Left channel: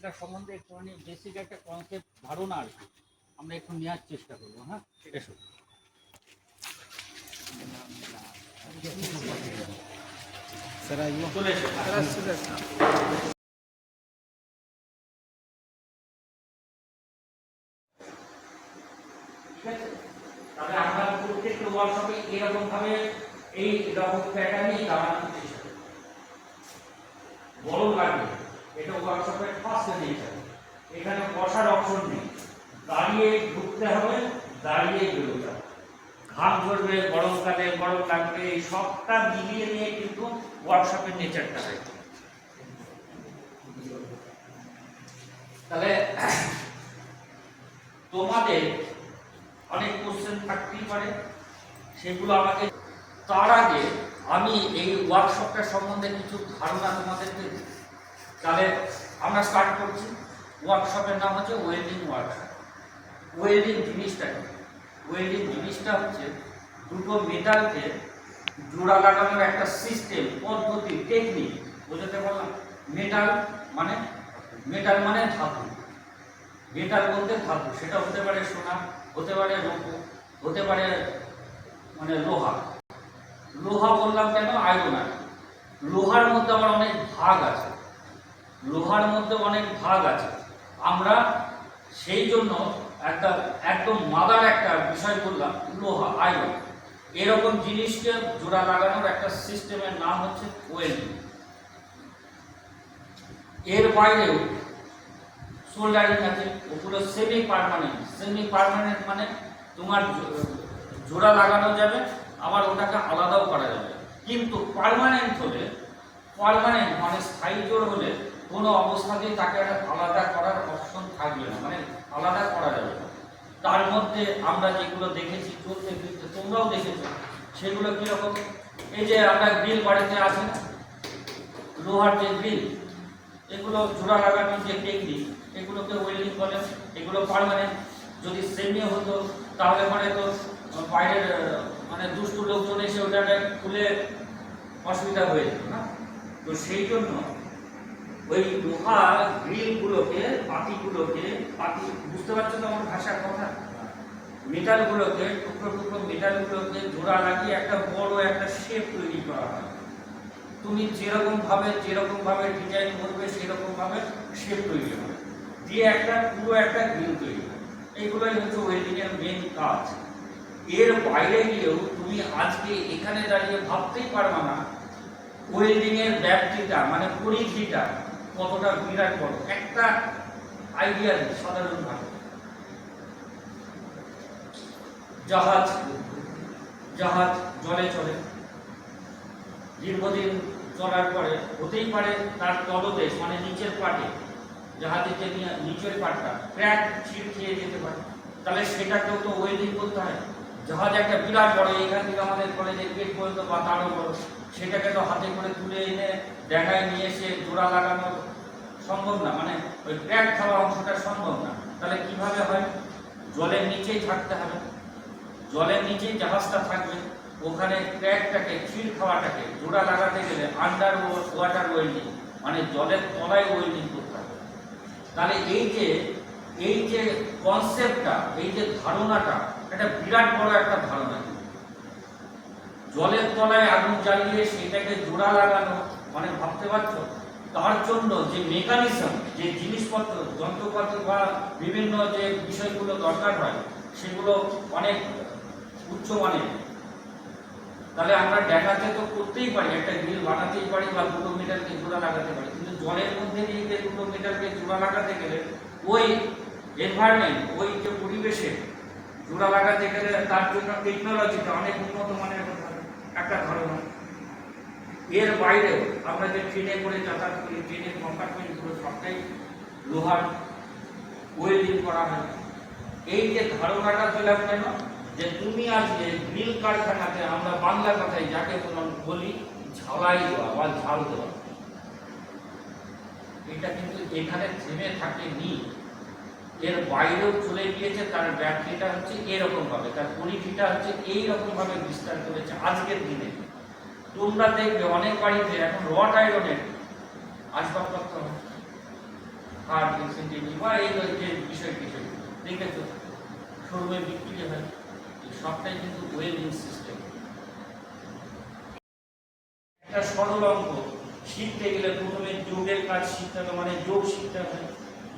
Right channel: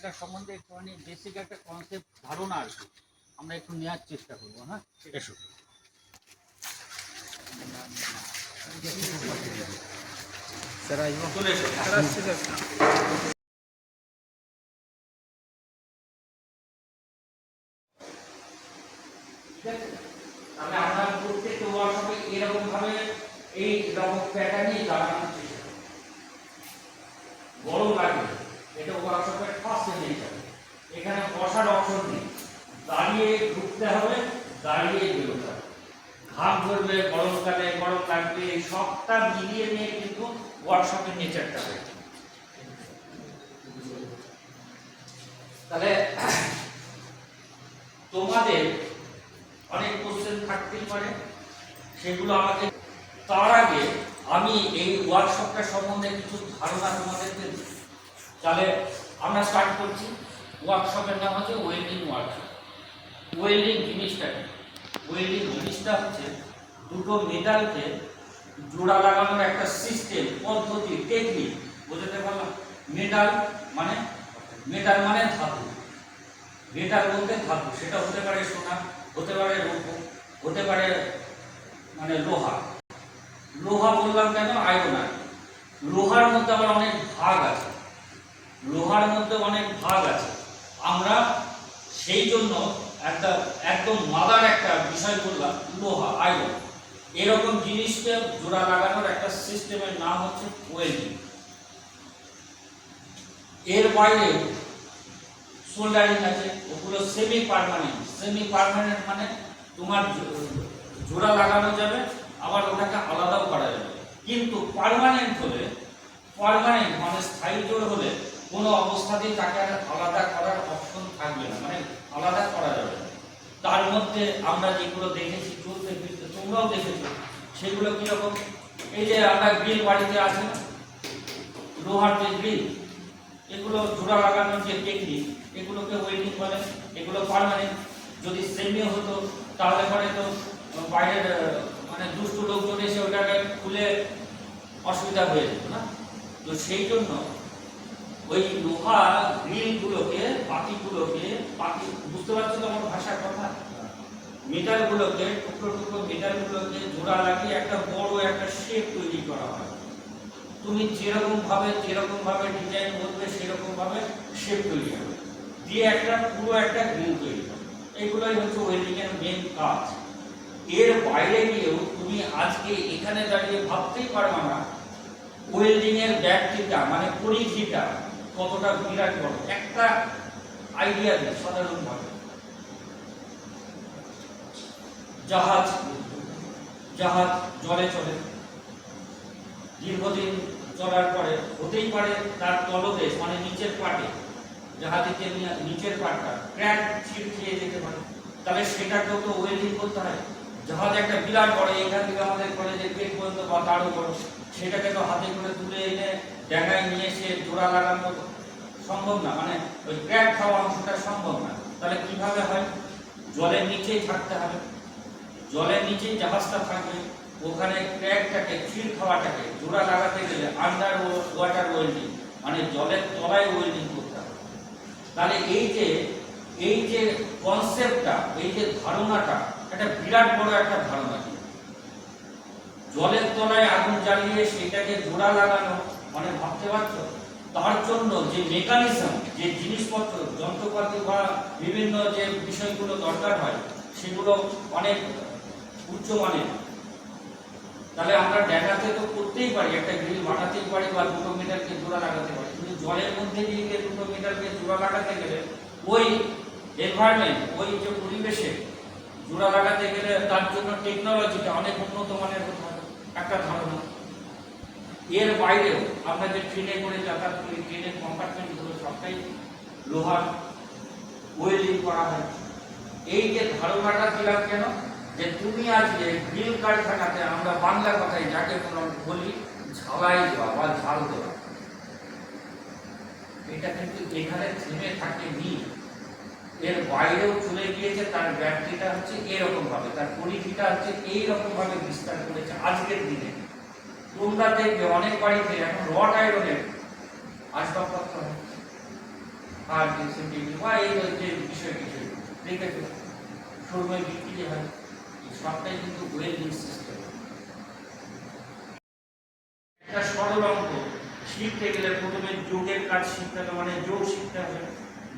এটার সম্বন্ধে একটুখানি বেসিক একটা কনসেপ্ট ধারণা আর কি আমরা একটু নেওয়ার চেষ্টা করবো। হ্যাঁ, এসো। চলে এসো। তাহলে আমরা প্রত্যেকটা ওয়ার্কশপে এরকম ভাবে এই রকম প্যাটার্নই দাঁড়ানোর চেষ্টা করি। গরম লাগবে, এটা ওয়ার্কশপের ফার্স্ট নেচার। এখানে বসার অপশন নেই, দাঁড়িয়ে ঢুকতে হবে, দাঁড়িয়ে বেরোতে হবে। ঘাম ধরবে, গরমকালে গরম লাগবে, এই সবটা মিলিয়ে নিয়ে কিন্তু ওয়ার্কশপের নেচারটা হয়। তাহলে তোমাদের অনেক কোশ্চেন থাকতেই পারে, সেগুলো আমাকে তার আগে আমি এই ওয়ার্কশপটা সম্বন্ধে কিছু ধারণা তোমাদেরকে দিই। তাহলে আমরা স্টার্ট করছি। ওয়ার্কশপের নাম হচ্ছে ওয়েল্ডিং ওয়ার্কশপ। ওয়েল্ডিং জিনিসটা কি? ওয়েল্ডিং জিনিসটা হচ্ছে দুটো মেটালকে জোড়া লাগানোর একটা সিস্টেম, পদ্ধতি, টেকনিক। বুঝতে পারলাম? মেটাল মানে ধাতু। মেটাল বলতে ধাতু, সেটা হতে পারে সোনা, হতে পারে রূপ, হতে পারে লোহা। লোহা বললাম কেন? আয়রন। লোহার মধ্যে আবার অনেক ভাগ আছে, আমরা সেই জন্য একদম মাদার একটা বিষয় বললাম, লোহা, আয়রন। এরকম জিনিসকে জোড়া লাগানোর একটা সিস্টেমের নাম হচ্ছে ওয়েল্ডিং। এর বাইরেও সোল্ডারিং আছে, ওগুলো সেমি পার্মানেন্ট মানে তোমার জোড়া লাগানো যাবে, আবার ওটাকে আলাদাও করা যাবে। কিন্তু পার্মানেন্ট মানে স্থায়ী জোড় হলে কোনো অবস্থাতেই তাকে আলাদা করার অপশন থাকবে না, আলাদা করা যাবে না। তার মধ্যে আমরা যেগুলো দেখেছি চলতে ফিরতে, তোমরাও দেখেছো, সেগুলো কিরকম? এই যে আমরা গ্রিল বাড়িতে আছে না, লোহার যে গ্রিল, এগুলো জোড়া লাগানোর যে টেকনিক, এগুলোকে ওয়েল্ডিং বলে। এগুলো পার্মানেন্ট। যদি সেমি হতো তাহলে পরে তো বাইরের দুষ্টু লোকজন এসে ওটাকে খুলে অসুবিধা হয়ে যেত না। তো সেই জন্য ওই লোহা গ্রিলগুলোকে, পাতিগুলোকে, বুঝতে পারছো তো আমার ভাষার কথা? মেটালগুলোকে, টুকরো মেটালগুলোকে জোড়া লাগিয়ে একটা বড় একটা শেপ তৈরি করা হয়। তুমি যেরকম ভাবে ডিজাইন করবে, সেরকম ভাবে শেপ তৈরি হবে, দিয়ে পুরো একটা গ্রিল তৈরি হবে। এইগুলোই হচ্ছে ওয়েল্ডিং এর মেইন কাজ। এর বাইরে গিয়েও তুমি আজকে এখানে দাঁড়িয়ে ভাবতেই পারবে না ওয়েল্ডিং এর ব্যাপ্তিটা, পরিধিটা কতটা বিরাট বড়। একটা আইডিয়া দিই সাধারণভাবে, জাহাজ জলে চলে, দীর্ঘদিন চলার পরে হতেই পারে তার তলদেশ নিচের পাটে, জাহাজের যে নিচের পাটটা ক্র্যাক, ছিঁড় খেয়ে যেতে পারে। তাহলে সেটাকেও তো ওয়েল্ডিং করতে হয়। জাহাজ একটা বিরাট বড়, এখান থেকে আমাদের কলেজের গেট পর্যন্ত বা তারও বড়, সেটাকে তো হাতে করে তুলে এনে ডেঙ্গায় নিয়ে এসে জোড়া লাগানো সম্ভব না, ওই ক্র্যাক খাওয়া অংশটা সম্ভব না। তাহলে কিভাবে হয়? জলের নিচেই থাকতে হবে, জলের নিচেই জাহাজটা থাকবে। ওখানে ক্র্যাকটাকে, ছিঁড় খাওয়াটাকে জোড়া লাগাতে গেলে আন্ডার ওয়াটার ওয়েল্ডিং, জলের তলায় ওয়েল্ডিং করতে হবে। তাহলে এই যে কনসেপ্টটা, এই যে ধারণাটা, একটা বিরাট বড় একটা ধারণা। জলের তলায় আগুন জ্বালিয়ে সেটাকে জোড়া লাগানো, ভাবতে পারছো? তার জন্য যে মেকানিজম, যে জিনিসপত্র, যন্ত্রপাতি বা বিভিন্ন যে বিষয়গুলো দরকার হয়, সেগুলো অনেক উচ্চমানের। তাহলে আমরা ডেঙ্গাতে তো করতেই পারি, একটা গ্রিল বানাতেই পারি বা 2 মিটারকে জোড়া লাগাতে পারি, কিন্তু জলের মধ্যে দিয়ে 2 মিটারকে জোড়া লাগাতে গেলে ওই এনভায়রনমেন্ট, ওই যে পরিবেশে জোড়া লাগাতে গেলে তার জন্য টেকনোলজিটা অনেক উন্নত মানের হতে হবে, একটা ধারণা। এর বাইরেও আমরা যে ট্রেনে করে যাতায়াত করি, ট্রেনের কম্পার্টমেন্টগুলো সবটাই লোহার, ওয়েল্ডিং করা হয়। এই যে ধারণাটা দিলাম কেন? যে তুমি আজকে গ্রিল কারখানাতে, আমরা বাংলা কথায় যাকে বলি ঝালাই দেওয়া বা ঝাল দেওয়া, এটা কিন্তু এখানে থেমে থাকেনি, এর বাইরেও চলে গিয়েছে। তার ব্যাপ্তিটা হচ্ছে এরকম ভাবে, তার পরিধিটা হচ্ছে এইরকম ভাবে বিস্তার করেছে আজকের দিনে। তোমরা দেখবে অনেক বাড়িতে এখন রড আয়রনের আসবাবপত্র হয়, থার্ড সেন্টিমিটার বা এই যে বিষয় টিষয় দেখেছো শোরুমে বিক্রি হয়, এই সবটাই কিন্তু ওয়েল্ডিং সিস্টেম। একটা সরল অঙ্ক শিখতে গেলে প্রথমে যোগের কাজ শিখতে হবে, মানে যোগ শিখতে হবে।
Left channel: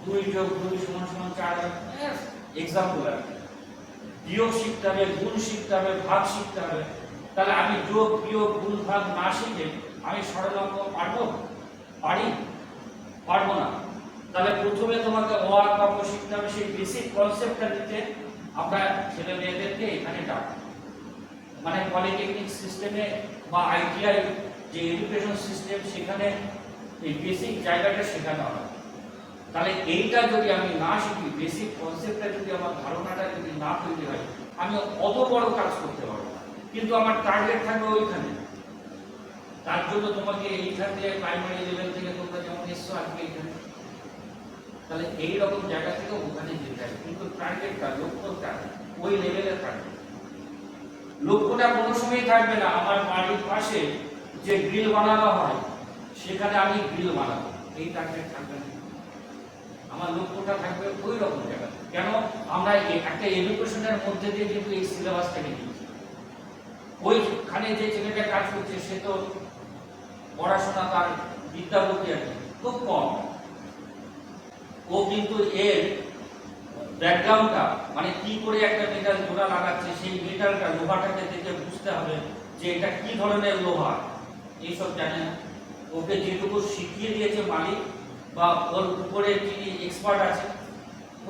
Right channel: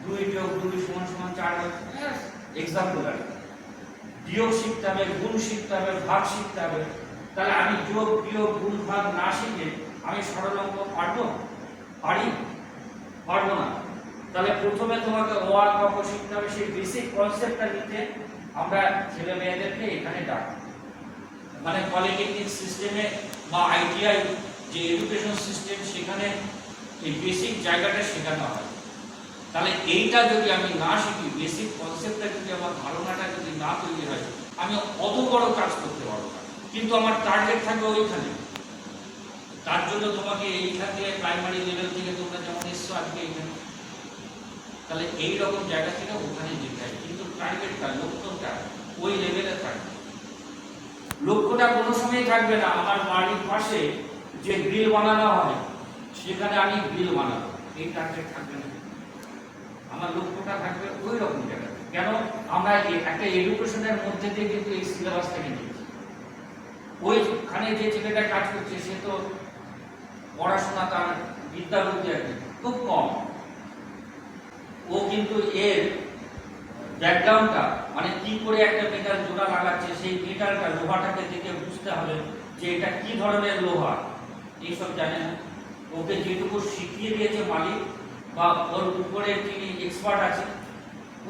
2 যোগ 2 সমান সমান 4 হয়, এক্সাম্পল আর কি। বিয়োগ শিখতে হবে, গুণ শিখতে হবে, ভাগ শিখতে হবে। তাহলে আমি যোগ বিয়োগ গুণ ভাগ না শিখে আমি সরল অঙ্ক পারবো? পারবো না। তাহলে প্রথমে তোমাকে অ আর ক খ শিখতে হবে, সেই বেসিক কনসেপ্টটা নিতে আমরা ছেলে মেয়েদেরকে এখানে ডাকি। মানে পলিটেকনিক সিস্টেমে বা আইটিআই যে এডুকেশন সিস্টেম, সেখানে এই বেসিক জায়গাটা শেখানো হয়। তাহলে এইটা যদি আমি না শিখি, বেসিক কনসেপ্টটা যদি আমার ধারণাটা যদি না তৈরি হয়, আমি অত বড় কাজ করতে পারবো না। কিন্তু আমার টার্গেট থাকবে ওইখানে। তার জন্য তোমাকে এইখান থেকে প্রাইমারি লেভেল থেকে তোমরা যেমন এসছো আজকে এইখানে, তাহলে এইরকম জায়গা থেকে ওখানে যেতে হয়। কিন্তু টার্গেটটা, লক্ষ্যটা ওই লেভেলে থাকবে। লক্ষ্যটা কোনো সময় থাকবে না আমার বাড়ির পাশে যে গ্রিল বানানো হয় সেখানে আমি গ্রিল বানাবো, এই টার্গেট থাকবে না। আমার লক্ষ্যটা থাকবে ওই রকম জায়গায়। কেন? আমরা একটা এডুকেশনের মধ্যে দিয়ে কিন্তু এই সিলেবাসটাকে নিয়েছি। ওইখানে যে ছেলেটা কাজ করছে সে তো পড়াশোনা, তার বিদ্যা বুদ্ধি আর কি খুব কম। ও কিন্তু এর ব্যাকগ্রাউন্ডটা, মানে কি করে একটা মেটাল জোড়া লাগাচ্ছে, সেই মেটালটা লোহাটাকে দেখে বুঝতে হবে যে এটা কি ধরনের লোহা, এইসব জানে না। ওকে যেটুকু শিখিয়ে দিয়েছে মালিক বা ওর উপরে যিনি এক্সপার্ট আছে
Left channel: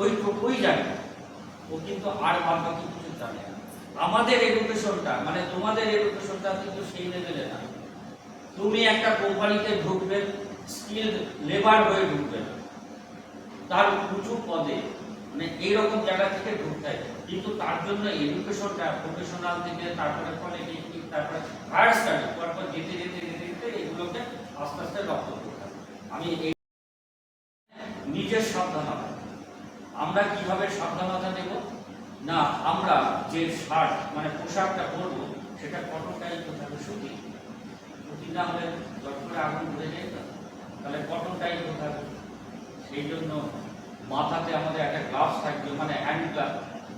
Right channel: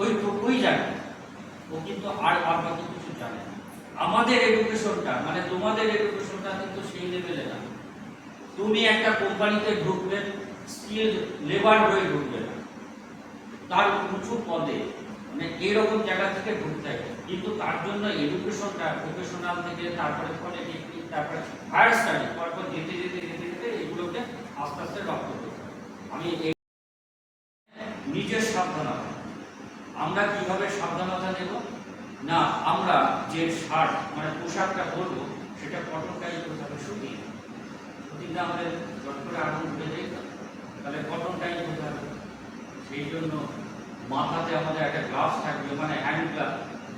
ওইটুকুই জানে, ও কিন্তু আর বাকি কিছু জানে না। আমাদের এডুকেশনটা, মানে তোমাদের এডুকেশনটা কিন্তু সেই লেভেলে না। তুমি একটা কোম্পানিতে ঢুকবে, স্কিল লেবার হয়ে ঢুকবে, তার উঁচু পদে, মানে এইরকম জায়গা থেকে ঢুকতে হবে। কিন্তু তার জন্য এডুকেশনটা প্রফেশনাল থেকে তারপরে পলিটেকনিক, তারপরে হায়ার স্টাডি, পরপর যেতে যেতে যেতে যেতে এগুলোকে আস্তে আস্তে রপ্ত করতে হবে। আমি নিজের সাবধানতা, আমরা কিভাবে সাবধানতা নেব না, আমরা যে শার্ট মানে পোশাকটা পরবো সেটা কটন টাইপ হতে হবে, সুতি। সুতিটা আমাদের জট করে আগুন ধরে যাই, তাহলে কটন টাইপ হতে হবে। সেই জন্য মাথাতে আমাদের একটা গ্লাভস থাকবে, মানে হ্যান্ড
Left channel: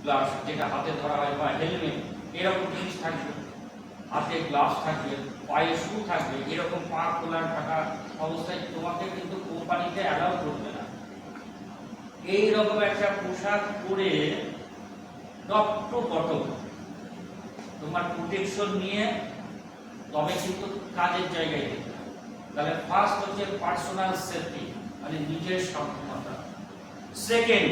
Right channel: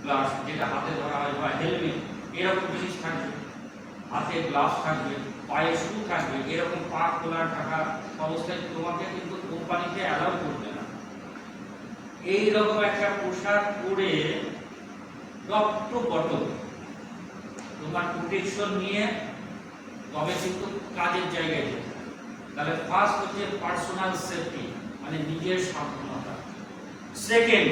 গ্লাভস যেটা হাতে ধরা হয়, বা হেলমেট, এরকম জিনিস থাকবে। হাতে গ্লাভস থাকবে, পায়ে শু থাকবে। এরকম পা খোলা থাকা অবস্থায় তোমাকে কিন্তু কোম্পানিতে অ্যালাউ করবে না। এইরকম একটা পোশাক পরে টপ টু বটম তোমার প্রোটেকশন নিয়ে তবে কিন্তু কাজের জায়গায় যেতে হবে। তাহলে ফার্স্ট হচ্ছে পার্সোনাল সেফটি, মানে নিজের সাবধানতা। সেকেন্ড,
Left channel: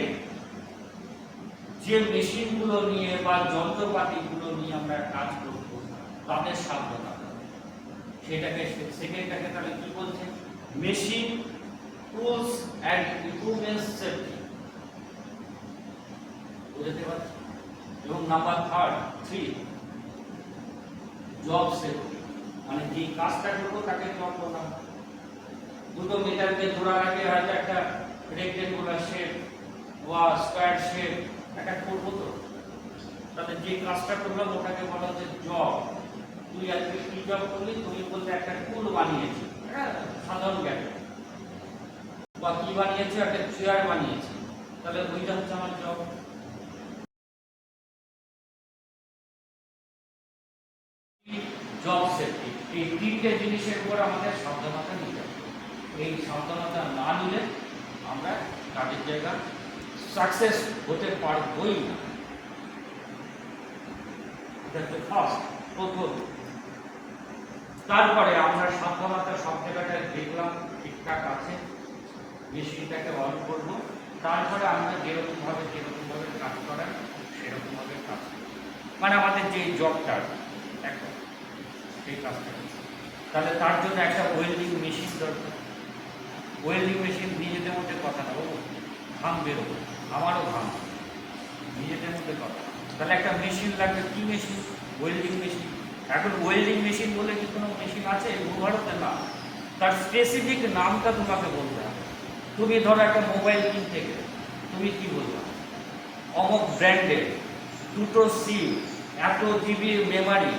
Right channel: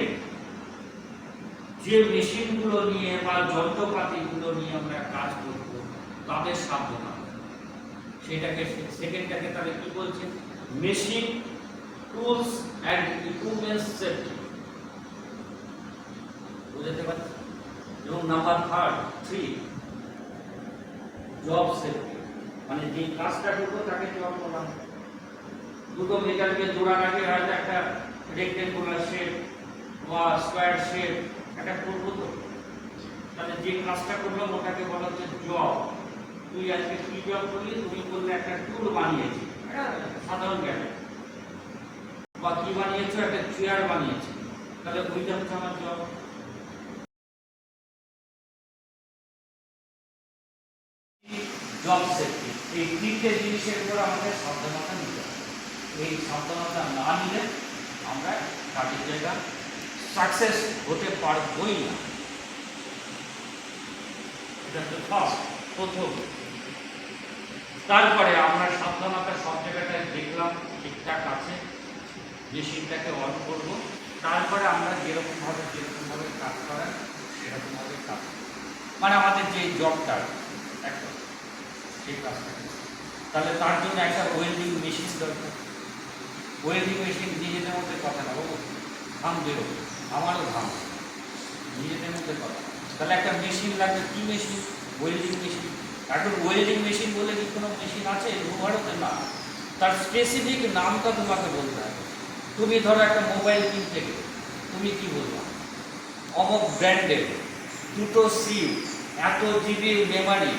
যে মেশিনগুলো নিয়ে বা যন্ত্রপাতিগুলো নিয়ে আমরা কাজ করব তাদের সাবধানতা, সেটাকে সেকেন্ডটাকে তাহলে কি বলছে? Machine, tools and equipments safety, বুঝতে পারছি। এবং নাম্বার 3 জব সেফটি, মানে যে কাজটা করবো তাকে তোমার বলা, দুটো মেটালকে জোড়া রাখে হয়তো একটা রেক্টেঙ্গুলার শেপ বা স্কয়ার শেপ একটা করবো, তো তাহলে যে কাজটা করলাম ওটাকে বলা হচ্ছে জব। তুই আজকে কি জব করলি? তুমি বললে একটা টুল বানিয়েছি, সাধারণ জ্ঞানে, বা কি বানিয়েছো? একটা চেয়ার বানিয়েছি, তাহলে ওইটা হচ্ছে আমার জব। জব সেফটি, এই তিনটে জিনিসের উপর আমাদের সাবধানতা নিতে হবে। এই সাবধানতা না নিলে আমরা কাজের জায়গা সাকসেস হতে পারবই না। এটা হচ্ছে ফার্স্ট, প্রথম। তারপরে আমরা সাবধানতা সব জায়গাটায় দেখলাম ঠিকঠাক আছে, মেশিনটাকে অন করব, তারপরে আমরা যেরকমভাবে কাজ করার সেরকমভাবে কাজ করব, মানে আমাদের যে জবটা একটা সেই কাজটাকে। তাহলে তার জন্য একটা ওয়েল্ডিং মেশিন দরকার। ওয়েল্ডিং মেশিন নিজেদের মধ্যে কথা না, বাবু ঘাম বেরোবে, আমারও ঘাম, নিজেদের মধ্যে কথা। তাহলে একটা মেশিন লাগবে, কি মেশিন? Welding machine. এখন ওয়েল্ডিং মেশিন বলে কি কোনো মেশিন আছে ভারতে? না, তার স্পেসিফিক নামটা তোমাকে বলতে হবে। তুমি ধরো একটা মোবাইল কিনতে গেলে তুমি কি বলবা? অমুক ব্র্যান্ডের, 2 সিম, এত জিবি মেমোরি,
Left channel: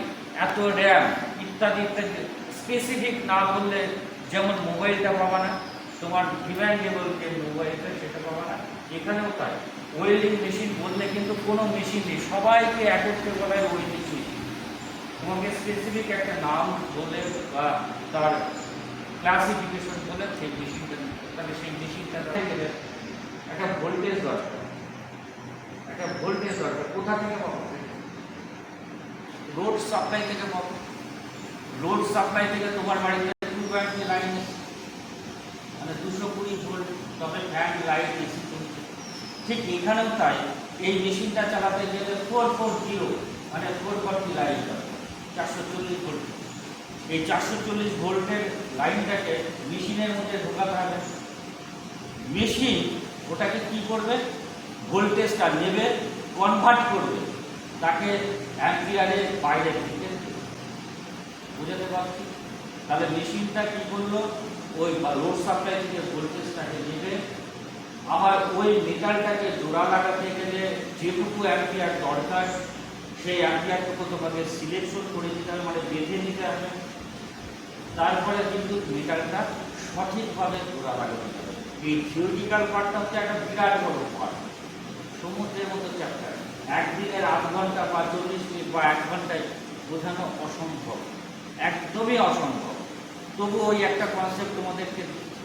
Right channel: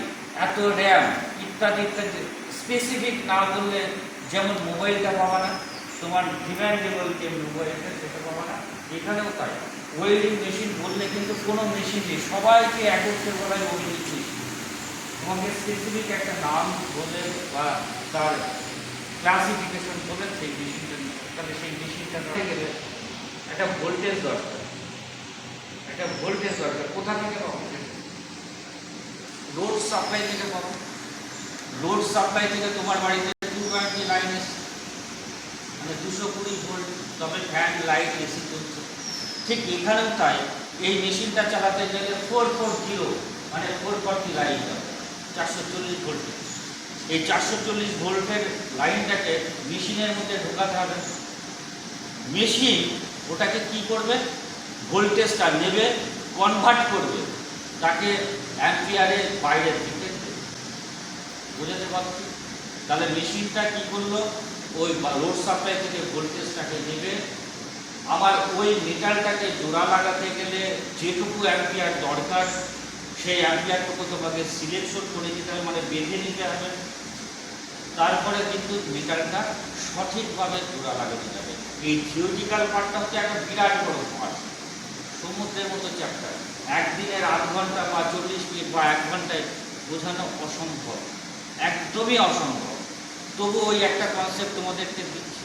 এত র্যাম, ইত্যাদি ইত্যাদি। স্পেসিফিক না বললে যেমন মোবাইলটা পাবা না, তোমার ডিমান্ড লেভেল কেমন সেটা পাবা না। এখানেও তাই, ওয়েল্ডিং মেশিন বললে কিন্তু কোনো মেশিন নেই, সবাইকে একত্রে বলা হয় ওয়েল্ডিং মেশিন। তোমাকে স্পেসিফিক একটা নাম বলে বা তার ক্লাসিফিকেশন বলে সেই মেশিনটা, তাহলে সেই মেশিনটা গেলে একটা ভোল্টেজ দরকার, একটা ভোল্টেজ দরকার। কোথা থেকে পাবো? লোড সাপ্লাই থেকে পাবো। লোড সাপ্লাই থেকে তোমার বাড়িতে 220 লাইন এসে, মানে 220 ভোল্ট, তবে ফ্যান লাইট এসি চলছে। ঠিক এখানেও তাই, এই মেশিনটা চালাতে গেলে 440 মানে 440 লাইন দরকার, 440 ভোল্ট। এই 440 ভোল্টের লাইনটাকে মেশিনের মধ্যে ঢোকাতে হবে। মেশিন ওটাকে কি করবে? ভোল্টেজটা নেবে, কনভার্ট করবে, তাকে অ্যাম্পিয়ারের বাইরের দিকে। বোঝাতে পারছি? তাহলে মেশিনটা কি করলো? ওই লোড সাপ্লাই থেকে ভোল্টেজটাকে নেবে, আমার ওই মিটারটাকে জোড়া লাগাতে গেলে যেটুকু অ্যাম্পিয়ার দরকার সেই অ্যাম্পিয়ারটুকু তোমাকে সিলেকশন করে দিতে হবে, মানে বেঁধে নিতে হবে। তারপরে কিন্তু মিটারটা সঠিকভাবে জোড়া লাগানো যাবে। এই থিওরিটিক্যাল পার্টটা হচ্ছে একটা বিরাট বড় পার্ট, সমুদ্রের মতো চ্যাপ্টার। একদিনের 8 ঘন্টা বা 40 মিনিট বা 1 ঘন্টায় বোঝানো অসম্ভব, একদমই অসম্ভব। তবু ওই একটা কনসেপ্ট তোমাদেরকে দিচ্ছি,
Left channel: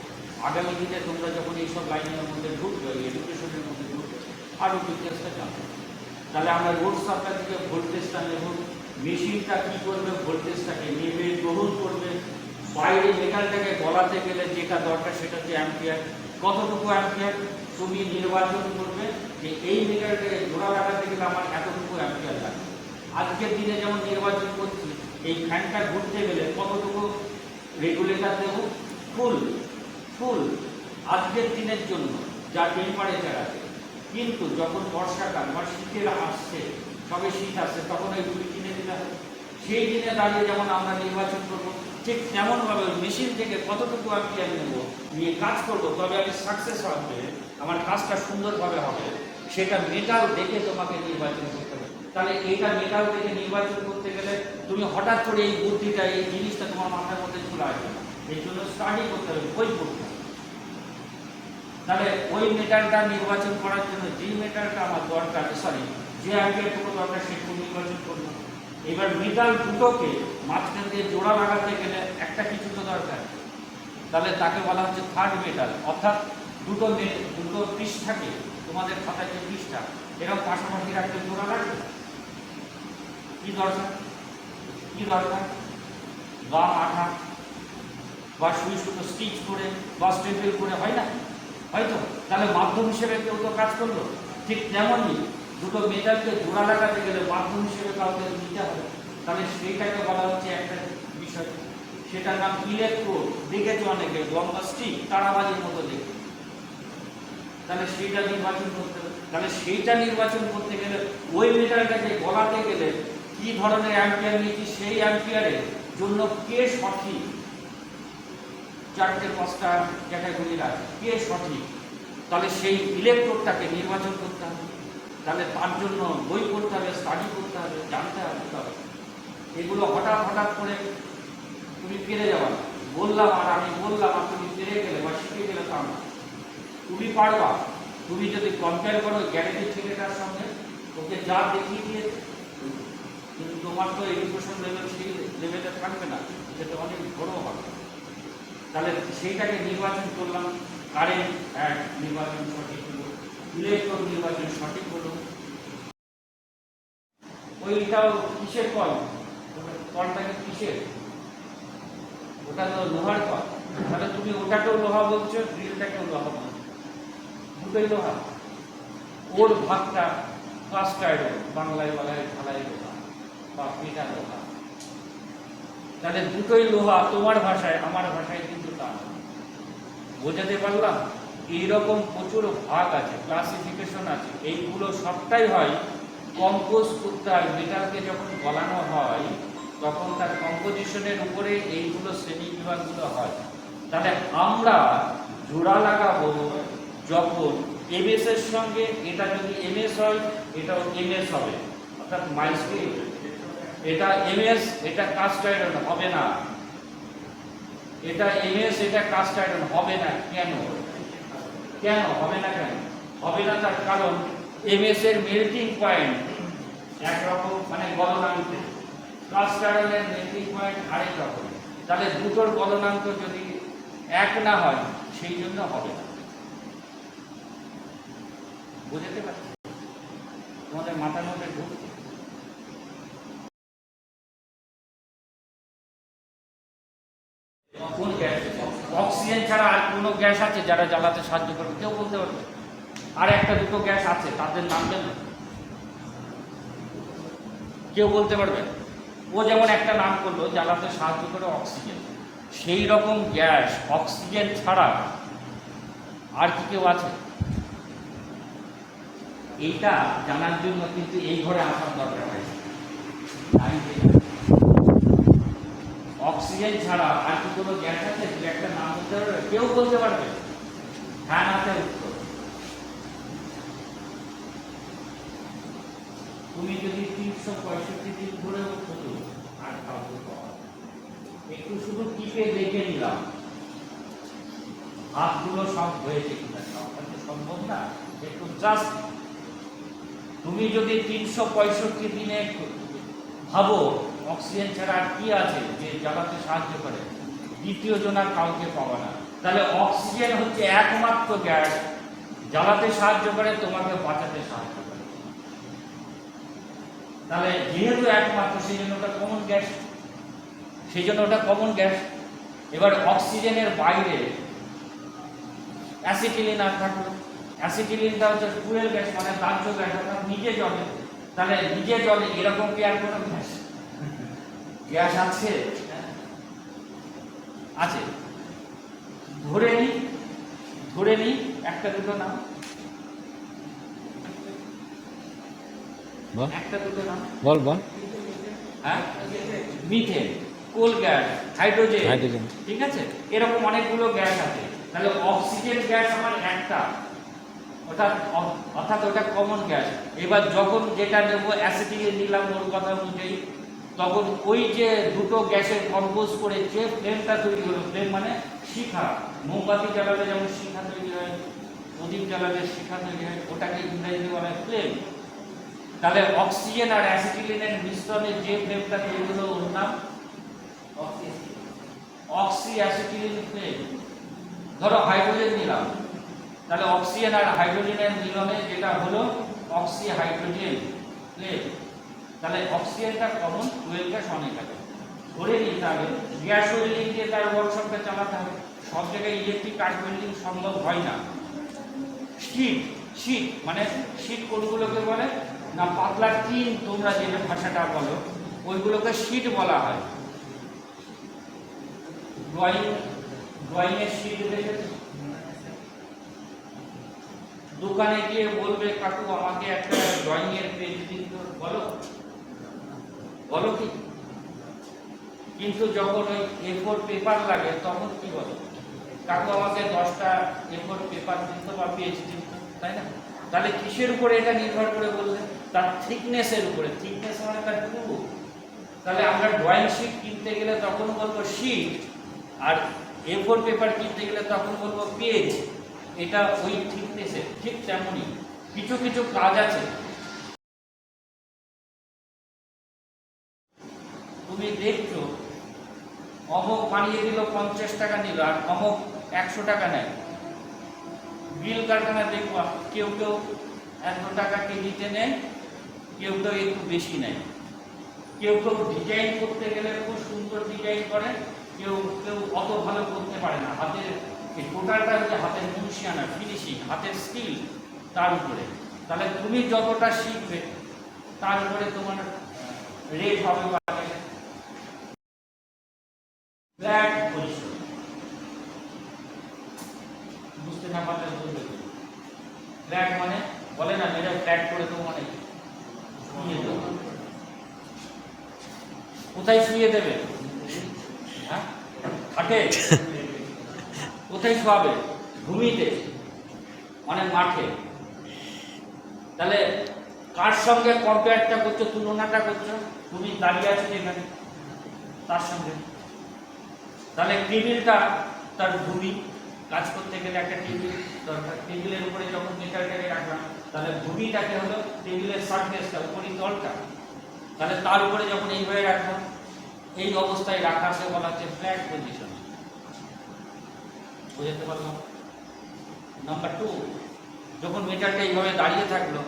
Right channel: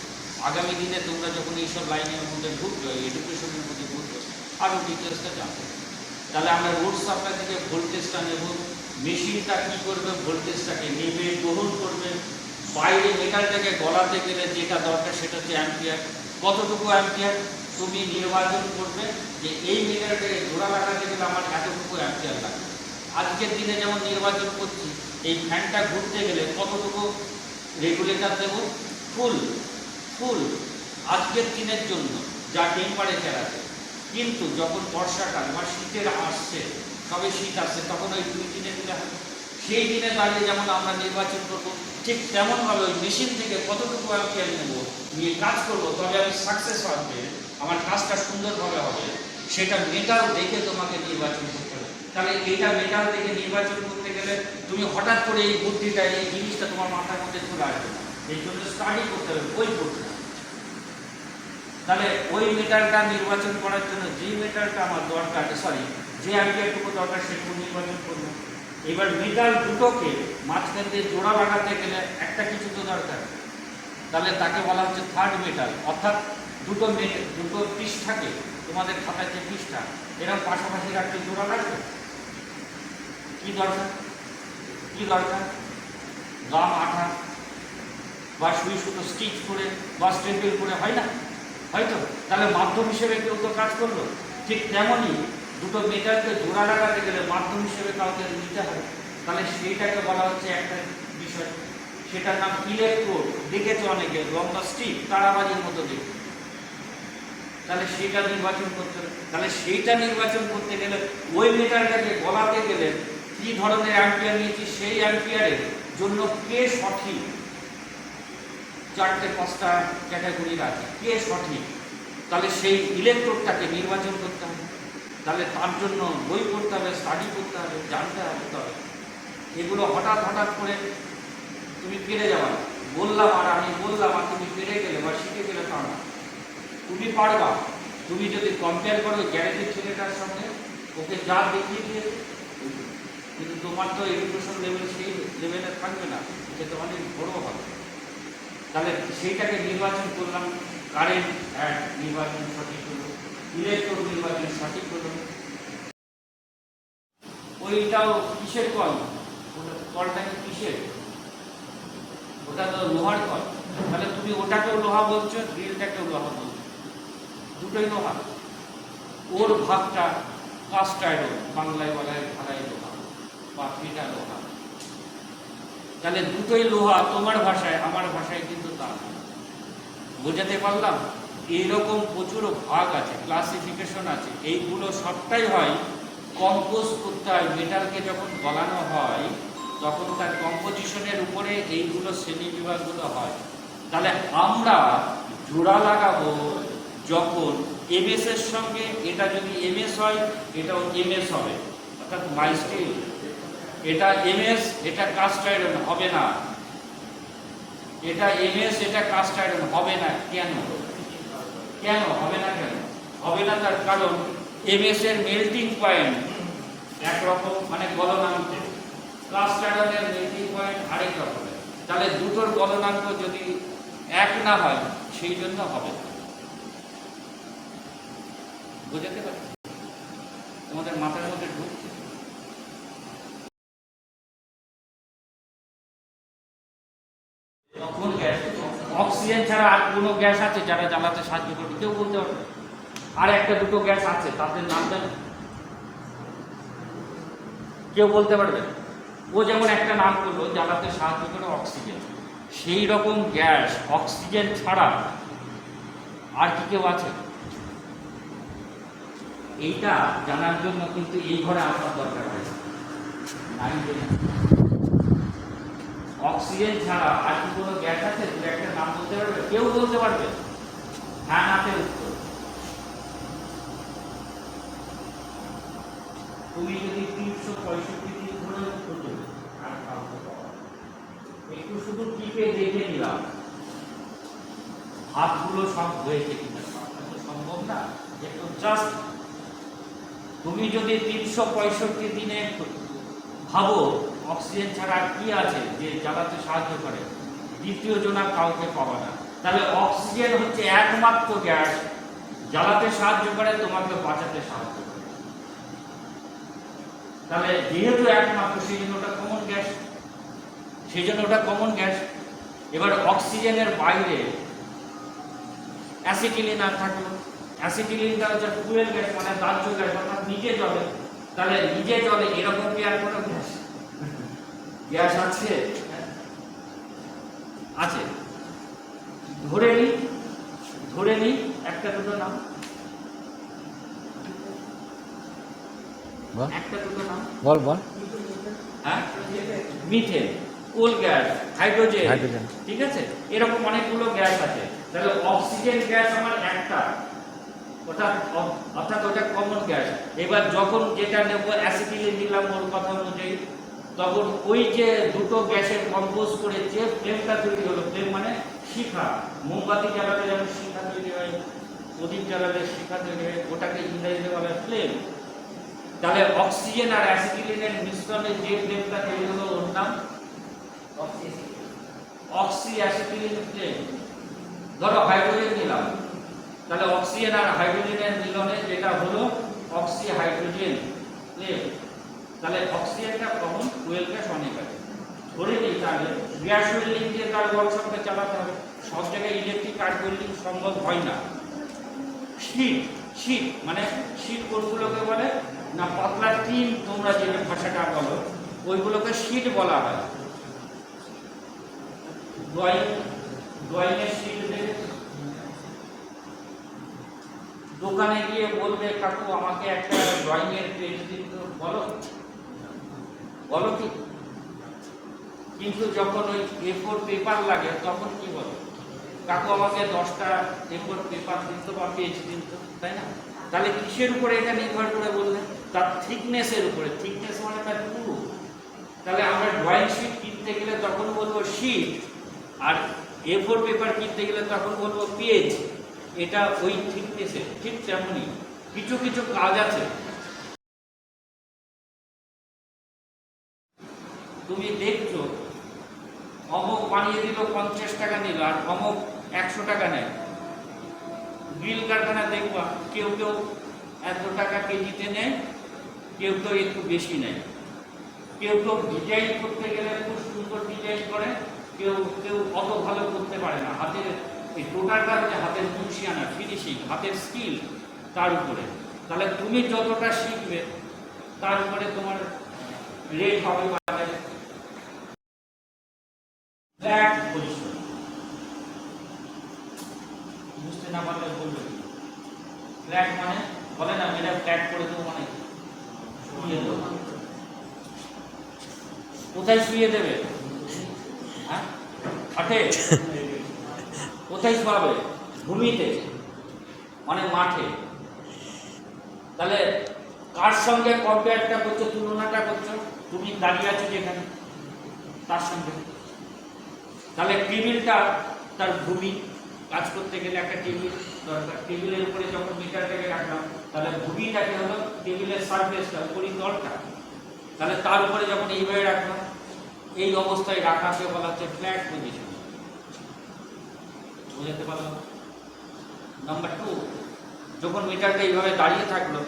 আগামী দিনে তোমরা যখন এইসব লাইনের মধ্যে ঢুকবে, এডুকেশনের মধ্যে ঢুকবে, আরও ডিটেলসটা জানতে। তাহলে আমরা লোড সাপ্লাই থেকে ভোল্টেজটা নেব, মেশিনটা কি করবে? ভোল্টেজটাকে নেবে, গ্রহণ করবে, বাইরে মেটালটাকে গলাতে গেলে যেটা দরকার সেটা হচ্ছে অ্যাম্পিয়ার। কতটুকু অ্যাম্পিয়ার তুমি নির্বাচন করবে যে এই মেটালটাকে জোড়া লাগাতে গেলে আমার এতটুকু অ্যাম্পিয়ার লাগবে। আজকের দিনে যেমন নির্বাচন করছি, এই ফ্যানটা ঘুরতে গেলে কতটুকু রেগুলেটর দেব? ফুল ফুল আজকের দিনের জন্য যা টেম্পারেচার আছে। কিন্তু যখন বর্ষাকাল বা শীতের আসছে, সবে শীত আসছে, তখন ওই 2-3 দিনে হবে। সেই দিনে দাঁড়িয়ে যেমন আমরা নির্বাচন করব, ঠিক তেমনভাবে ওই মেশিন থেকে কতটুকু অ্যাম্পিয়ার নেব, নিয়ে কাজ করব, তবে আমি সাকসেস হবে, আমার কাজটা সুন্দরভাবে হবে, সেটা মেটাল দেখে তোমাকে নির্বাচন করতে হবে। তাহলে এইটা মেটাল দেখে নির্বাচন করতে গেলে তুমি হঠাৎ করে এই বুদ্ধিটা, এই জিনিসটা তোমার মাথার মধ্যে চলে আসবে না, এই জন্য স্টাডি করতে হবে, বই পড়তে হবে। তাহলে ওই মেটালটা নির্বাচন করার জন্য যে মেটালটা আমার দরকার, সরি যে অ্যাম্পিয়ারটুকু দরকার সেটুকু নির্বাচন করবো। এবার মেটাল দুটোকে মাঝখান দিয়ে জোড়া লাগাতে গেলে একটা কিছু তো দরকার, তাহলে তাকে বলা হচ্ছে থার্ড মেটাল। অর্থাৎ দুটো পৃষ্ঠাকে, তোমাদের খাতার যে পৃষ্ঠা এরকম পাশাপাশি রাখতে জোড়া লাগবে। কি দরকার? কি দরকার? গাম আঠা বা সুই সুতো স্টিচ করে বা স্টেপেল করে, হয় না? হয়তো। তাহলে মাধ্যম হিসেবে কেউ তো কাজ করলো। ঠিক তেমনই দুটো মেটালকে জোড়া লাগাতে গেলে মাধ্যম হিসেবে কাউকে নিতে হবে। তাহলে সেইটাকে বলা হচ্ছে একটা বিষয়, সেটার নাম ইলেকট্রোড। দেখেছো অনেকে লম্বা স্টিক, তারাবাজির মতো দেখে। তাহলে সেইটা নির্বাচন করতে হবে। তাহলে সেইটা নির্বাচন করতে গেলে ওই মেটালটাকে গলাতে গেলে কি ধরনের অ্যাম্পিয়ার নিয়েছি, সেই অ্যাম্পিয়ারের জন্য কে সঠিক, 4-5টা ক্যাটাগরির আছে, কে সঠিক, তাহলে সেই ইলেকট্রোডটাকে নির্বাচন করতে হবে। তাহলে তার জন্য বই পড়তে হবে, স্টাডি করতে হবে, জানতে হবে। তবে এগুলো হঠাৎ করে তুমি পেরে যাবা না। বললাম আর আমি বললাম আর তুমি পেরে গেলে বা শিখে গেলে তা না, তুমি পারবা। তুমি যদি কম্পেয়ার করো গ্যারেজের ছেলেটার সঙ্গে, ওকে যা দেখিয়ে দিয়েছে, কিন্তু তোমার তো এডুকেশন লেভেল সেই লেভেলে থাকবে না, সেটা অনেক বড় হবে। তাহলে সেইটাকে নির্বাচন করলাম, কারেন্ট নির্বাচন সঠিক হলো, ইলেকট্রোড নির্বাচন সঠিক হলো। ওইটাও কিসের কল? কলটা কি কিসের? ওটা তো লোহার কল। তাহলে তুমি ওটাকেও লোহা বলছো, ড্রিলটাকেও লোহা বলছো, দুটোই লোহা। ওর ভাগটা কাস্ট আয়রন, বাংলায় বলা হয় ঢালাই লোহা বা পিটা লোহা। তাহলে দুটোই লোহা, তোমার ভাষায়, আমার ভাষায় কিন্তু তা না। বোঝাতে পারলাম? এইরকম প্রচুর ভাগ আছে, ক্লাসিফিকেশন আছে। এইগুলো সবটাই হয় কম্পোজ করতে হয়। মেটালকে যখন গলানো হয় তখন তার কম্পোজিশনের উপরে এইগুলো শ্রেণী বিভাগগুলো হয়। তাহলে আমরা জোড়া লাগাবো যখন এমএস এর সঙ্গে, এটা যদি এমএস হয় এটাও এমএস হবে, অর্থাৎ মাইস্টিল। এটা এমএস, এটা কাস্ট আয়রন হবে না। এটা এমএস, এটা কাস্ট আয়রন হবে না। কেন কেন হবে না? কেন হবে না? তার কারণ এমএস এর মেল্টিং পয়েন্ট একরকম, মানে গলনাঙ্ক, কাস্ট আয়রনের মেল্টিং পয়েন্ট আরেক রকম। তাহলে দুটোর গলনাঙ্ক যদি এক না হয় সেই জন্য হবে না। বুঝতে পারছি? তোমাদের মাথার মধ্যে ঢুকছে? কোন গ্যাস? অক্সিজেন ছাড়া আর কোনো গ্যাস আছে যারা জ্বালাতে সাহায্য করবে? কেউ বলতে পারবে? আর একটা দুটো গ্যাস আছে, তাদের নাম জানো? কেউ বলতে পারবে? ও যেমন একটা নাম করলো জ্বালাতে সাহায্য করে অক্সিজেন, সেই রকম গ্যাস অক্সিজেন ছাড়া আর কি কেউ আছে? এইটা জানার জন্য কিন্তু এই ঘরে আসার দরকার হয়েছে। আমি অক্সিজেন ছাড়া আর কি কোনো গ্যাস আছে? দু একটা নাম বলতে পারবে? কেউ বলতে পারবে? হ্যাঁ নাতে উত্তর। তুমি যদি 365 দিন ধরে উঠতো আর কাউকে পাওয়া, একটু শুধু টিপে দেখে নিলাম হাতগুলো সব হয়েছে কিনা। সবটা তো সম্ভব না, একটু জাস্ট তুমি যদি 365 দিনে ভাবো অক্সিজেন ছাড়া আর কি আছে যে জ্বালাতে সাহায্য করে, দ্বিতীয় জনা কাউকে পাবা না। তাহলে অক্সিজেন হচ্ছে একমাত্র গ্যাস জ্বালাতে সাহায্য করে, তোমাকে বাঁচাতে সাহায্য করে। তাহলে যেহেতু একমাত্র, সেই জন্য ওটা কমন গ্যাস, সেই জন্য ওটা কমন গ্যাস। এবার অক্সিজেনের বাইরে অ্যাসিটিলিন আর থাকলো। অ্যাসিটিলিনটা হচ্ছে ফুয়েল গ্যাস, মানে দাহ্য গ্যাস, অর্থাৎ নিজে জ্বলে। তাহলে নিজে জ্বলে এরকম কি আর কোনো গ্যাস গ্যাস আছে? আছে। ধরে নি একটা দুটো নাম, একটা দুটো নাম বল। হ্যাঁ, মিথেন, কোল গ্যাস, হাইড্রোজেন, ঠিক আছে? এরকম অনেকগুলো গ্যাস আছে। তাহলে অক্সিজেন গ্যাস আমার একটা, অর্থাৎ ওটা কমন গ্যাস। এবার যখন যেটা নেব অ্যাসিটিলিন নিলাম ওর কথা অনুযায়ী, তখন ওই যে দুটো গ্যাসের কম্পোজ করে যে ফ্লেমটা তৈরি হলো, ফ্লেম মানে শিখা, মোমবাতি জ্বালালে যেমন শিখা তৈরি হয়, প্রদীপ জ্বালালে শিখা তৈরি হয়, ওটাকে ইংরেজিতে বলা হয় ফ্লেম। তাহলে অক্সিজেন আর অ্যাসিটিলিনের মিশ্রণে যে ফ্লেমটা তৈরি হলো ওর নাম অক্সি অ্যাসিটিলিন ফ্লেম। ধরো হাইড্রোজেন নিলাম, তাহলে অক্সিজেন আর হাইড্রোজেনের মিলনে যেটা হলো অক্সি হাইড্রোজেন ফ্লেম। তাহলে অক্সিজেনটা কমন, ফুয়েল গ্যাস অনেক আছে। ধরে নিই তাহলে গ্যাস ওয়েল্ডিং দিয়ে তার ওয়ার্কশপটা চালাতে হবে। সব জায়গায় ইলেকট্রিক আর্ক ওয়েল্ডিং সম্ভব হয় না। শীট মানে শীট কোনগুলোকে বলে না, পাতলা টিন, তোমরা যে ভাষাটা বলো ওইগুলোকে শীট বলা হয়। ড্রয়িংয়ের শীট দেখেছো? দোকানে গিয়ে বলবে কাকু আমাকে একটা ড্রয়িং এর পেজ দিন তো, বলো কি? কিন্তু যখন ওই A4 পেপার লাগে তখন কি বলো? কাকু আমাকে 10টা A4 পেপার দিন তো বা পেজ দিন তো, তাই না? তাহলে কিসের উপরে এটা নির্ভর করে বললে? তার থিকনেসের উপরে। থিকনেস মানে তার পুরু। তাহলে আমরা ড্রয়িং শিট কিনতে গেলে তখন বলবো শিট, আর A4 পেপার কিনতে গেলে তখন বলবো পেজ। এটা ওই থিকনেসের। ঠিক তেমনই কিছু কিছু কাজ আছে। তুমি দেখছো অমুক বানিয়ে দিল 50 টাকা নিল, আর অমুক 100 টাকা নেয়। গ্রিল কারখানা দেখবা কেউ 100 টাকা কেজিতে নেয়, কেউ একটু বেশি নেয়। কেউ ডিজাইন করতে গেলে খুব সুন্দর ডিজাইন করে, কেউ অত ভালো করতে পারে না। হাতের এই টোটালটা যে হাতের মুন্সিয়ানা, ফিনিশিং, হাতের স্কিল, তার উপরে। তাহলে তুমি যতটা শিখবে তার উপরে তোমার রেট হবে। ফ্ল্যাট পজিশন বুঝতে না পারলে বলবে। ফ্ল্যাট মানে বলে না মেরে ফ্ল্যাট করে দেবো, মানে শুয়ে দেবো। কোথায় শুয়ে দেবে? হ্যাঁ, হাটে। কোথায় শোয়াবে? ভূমিতে, মানে মাঠে। তাহলে কার সঙ্গে কম্পেয়ারটা করছো, তুলনাটা করছো? তুমি দাঁড়িয়ে আছো যেখানে, তার সঙ্গে। তাহলে টেবিলটা তার ভূমি, কাজ করতে গেলে একটা টেবিল দরকার। টেবিলের উপরে যখন মিটারটাকে রাখলাম, তাহলে ভূমিটাকে হলো টেবিলের সারফেসটা, উপরে তলটা। তাহলে তার উপরে যখন এইভাবে রাখলাম, এই অবস্থায় রাখাকে বলা হচ্ছে ফ্ল্যাট পজিশন। বুঝতে পারলাম? নাম্বার 2, যখন মিটারটা এইভাবে দাঁড়িয়ে থাকলো,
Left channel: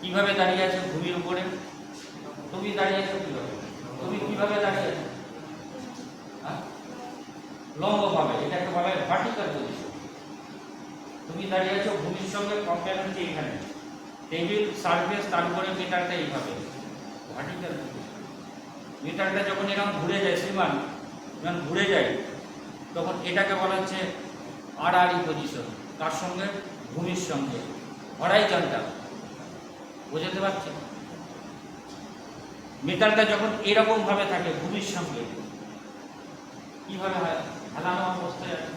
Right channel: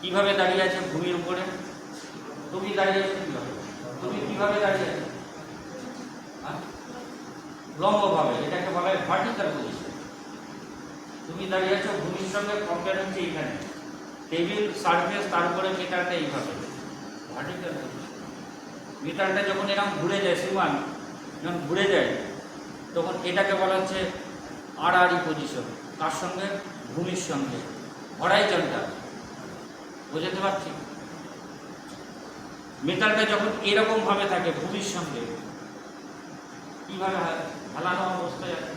কিভাবে দাঁড়িয়ে আছে? ভূমির উপরে। তুমি দাঁড়িয়ে আছো কিভাবে? তুমি কিভাবে দাঁড়িয়ে আছো? লম্বভাবে, এটাকে বলা হয় ভার্টিক্যাল পজিশন। তুমি দাঁড়িয়ে আছো ভূমির সঙ্গে কম্পেয়ার হচ্ছে এইখানে, টেবিল সারফেস, তারপরে মিটারটা এইভাবে ভার্টিক্যাল পজিশন। মিটারটা যখন এরকম ঘুরে যায়, শ্রীমান যখন ঘুরে যায়, তখন এটাকে বলা হচ্ছে আড়াআড়ি পজিশন। তার সঙ্গে ভূমির সঙ্গে হরাইজন্টাল। বুঝতে পারছি? মিটারটা যখন এরকম ভাবে থাকে ভূমির সঙ্গে, কিভাবে হেলানো অবস্থায় আছে?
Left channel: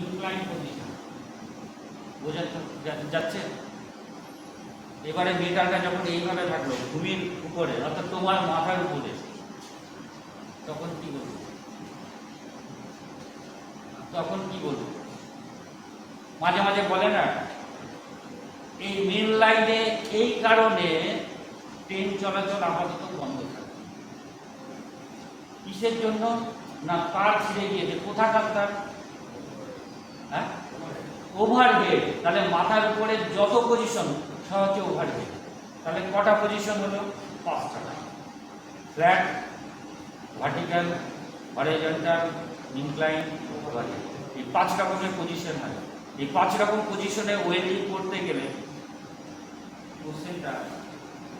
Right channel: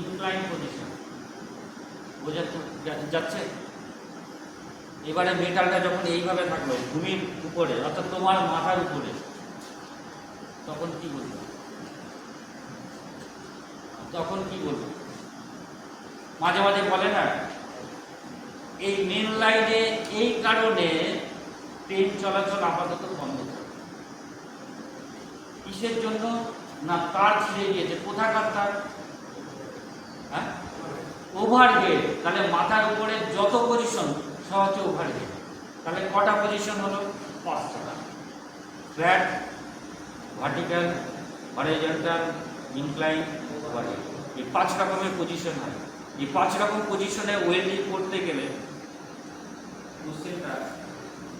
Incline position. বোঝা যাচ্ছে? এবারে মিটারটা যখন এইভাবে থাকলো ভূমির উপরে, অর্থাৎ তোমার মাথার উপরে, তখন কি বলবো? মাঝে মাঝে বলে না, এই মেন লাইনে এই কারণে ট্রেন চলাচল আপাতত বন্ধ থাকে। কিসের জন্য? না, তার ছিঁড়ে গিয়েছে। কোথাকার তার? হ্যাঁ, ওভারহেড। তাহলে মাথার উপরে যত পজিশন সব হচ্ছে ওভারহেড। তাহলে কটা পজিশন হলো? 5টা। Flat, vertical, horizontal, incline, overhead. এই 5 রকমের পজিশন হয়। এই 5 রকম পজিশনে ওয়েল্ডিং করতে গেলে কোশ্চেনটা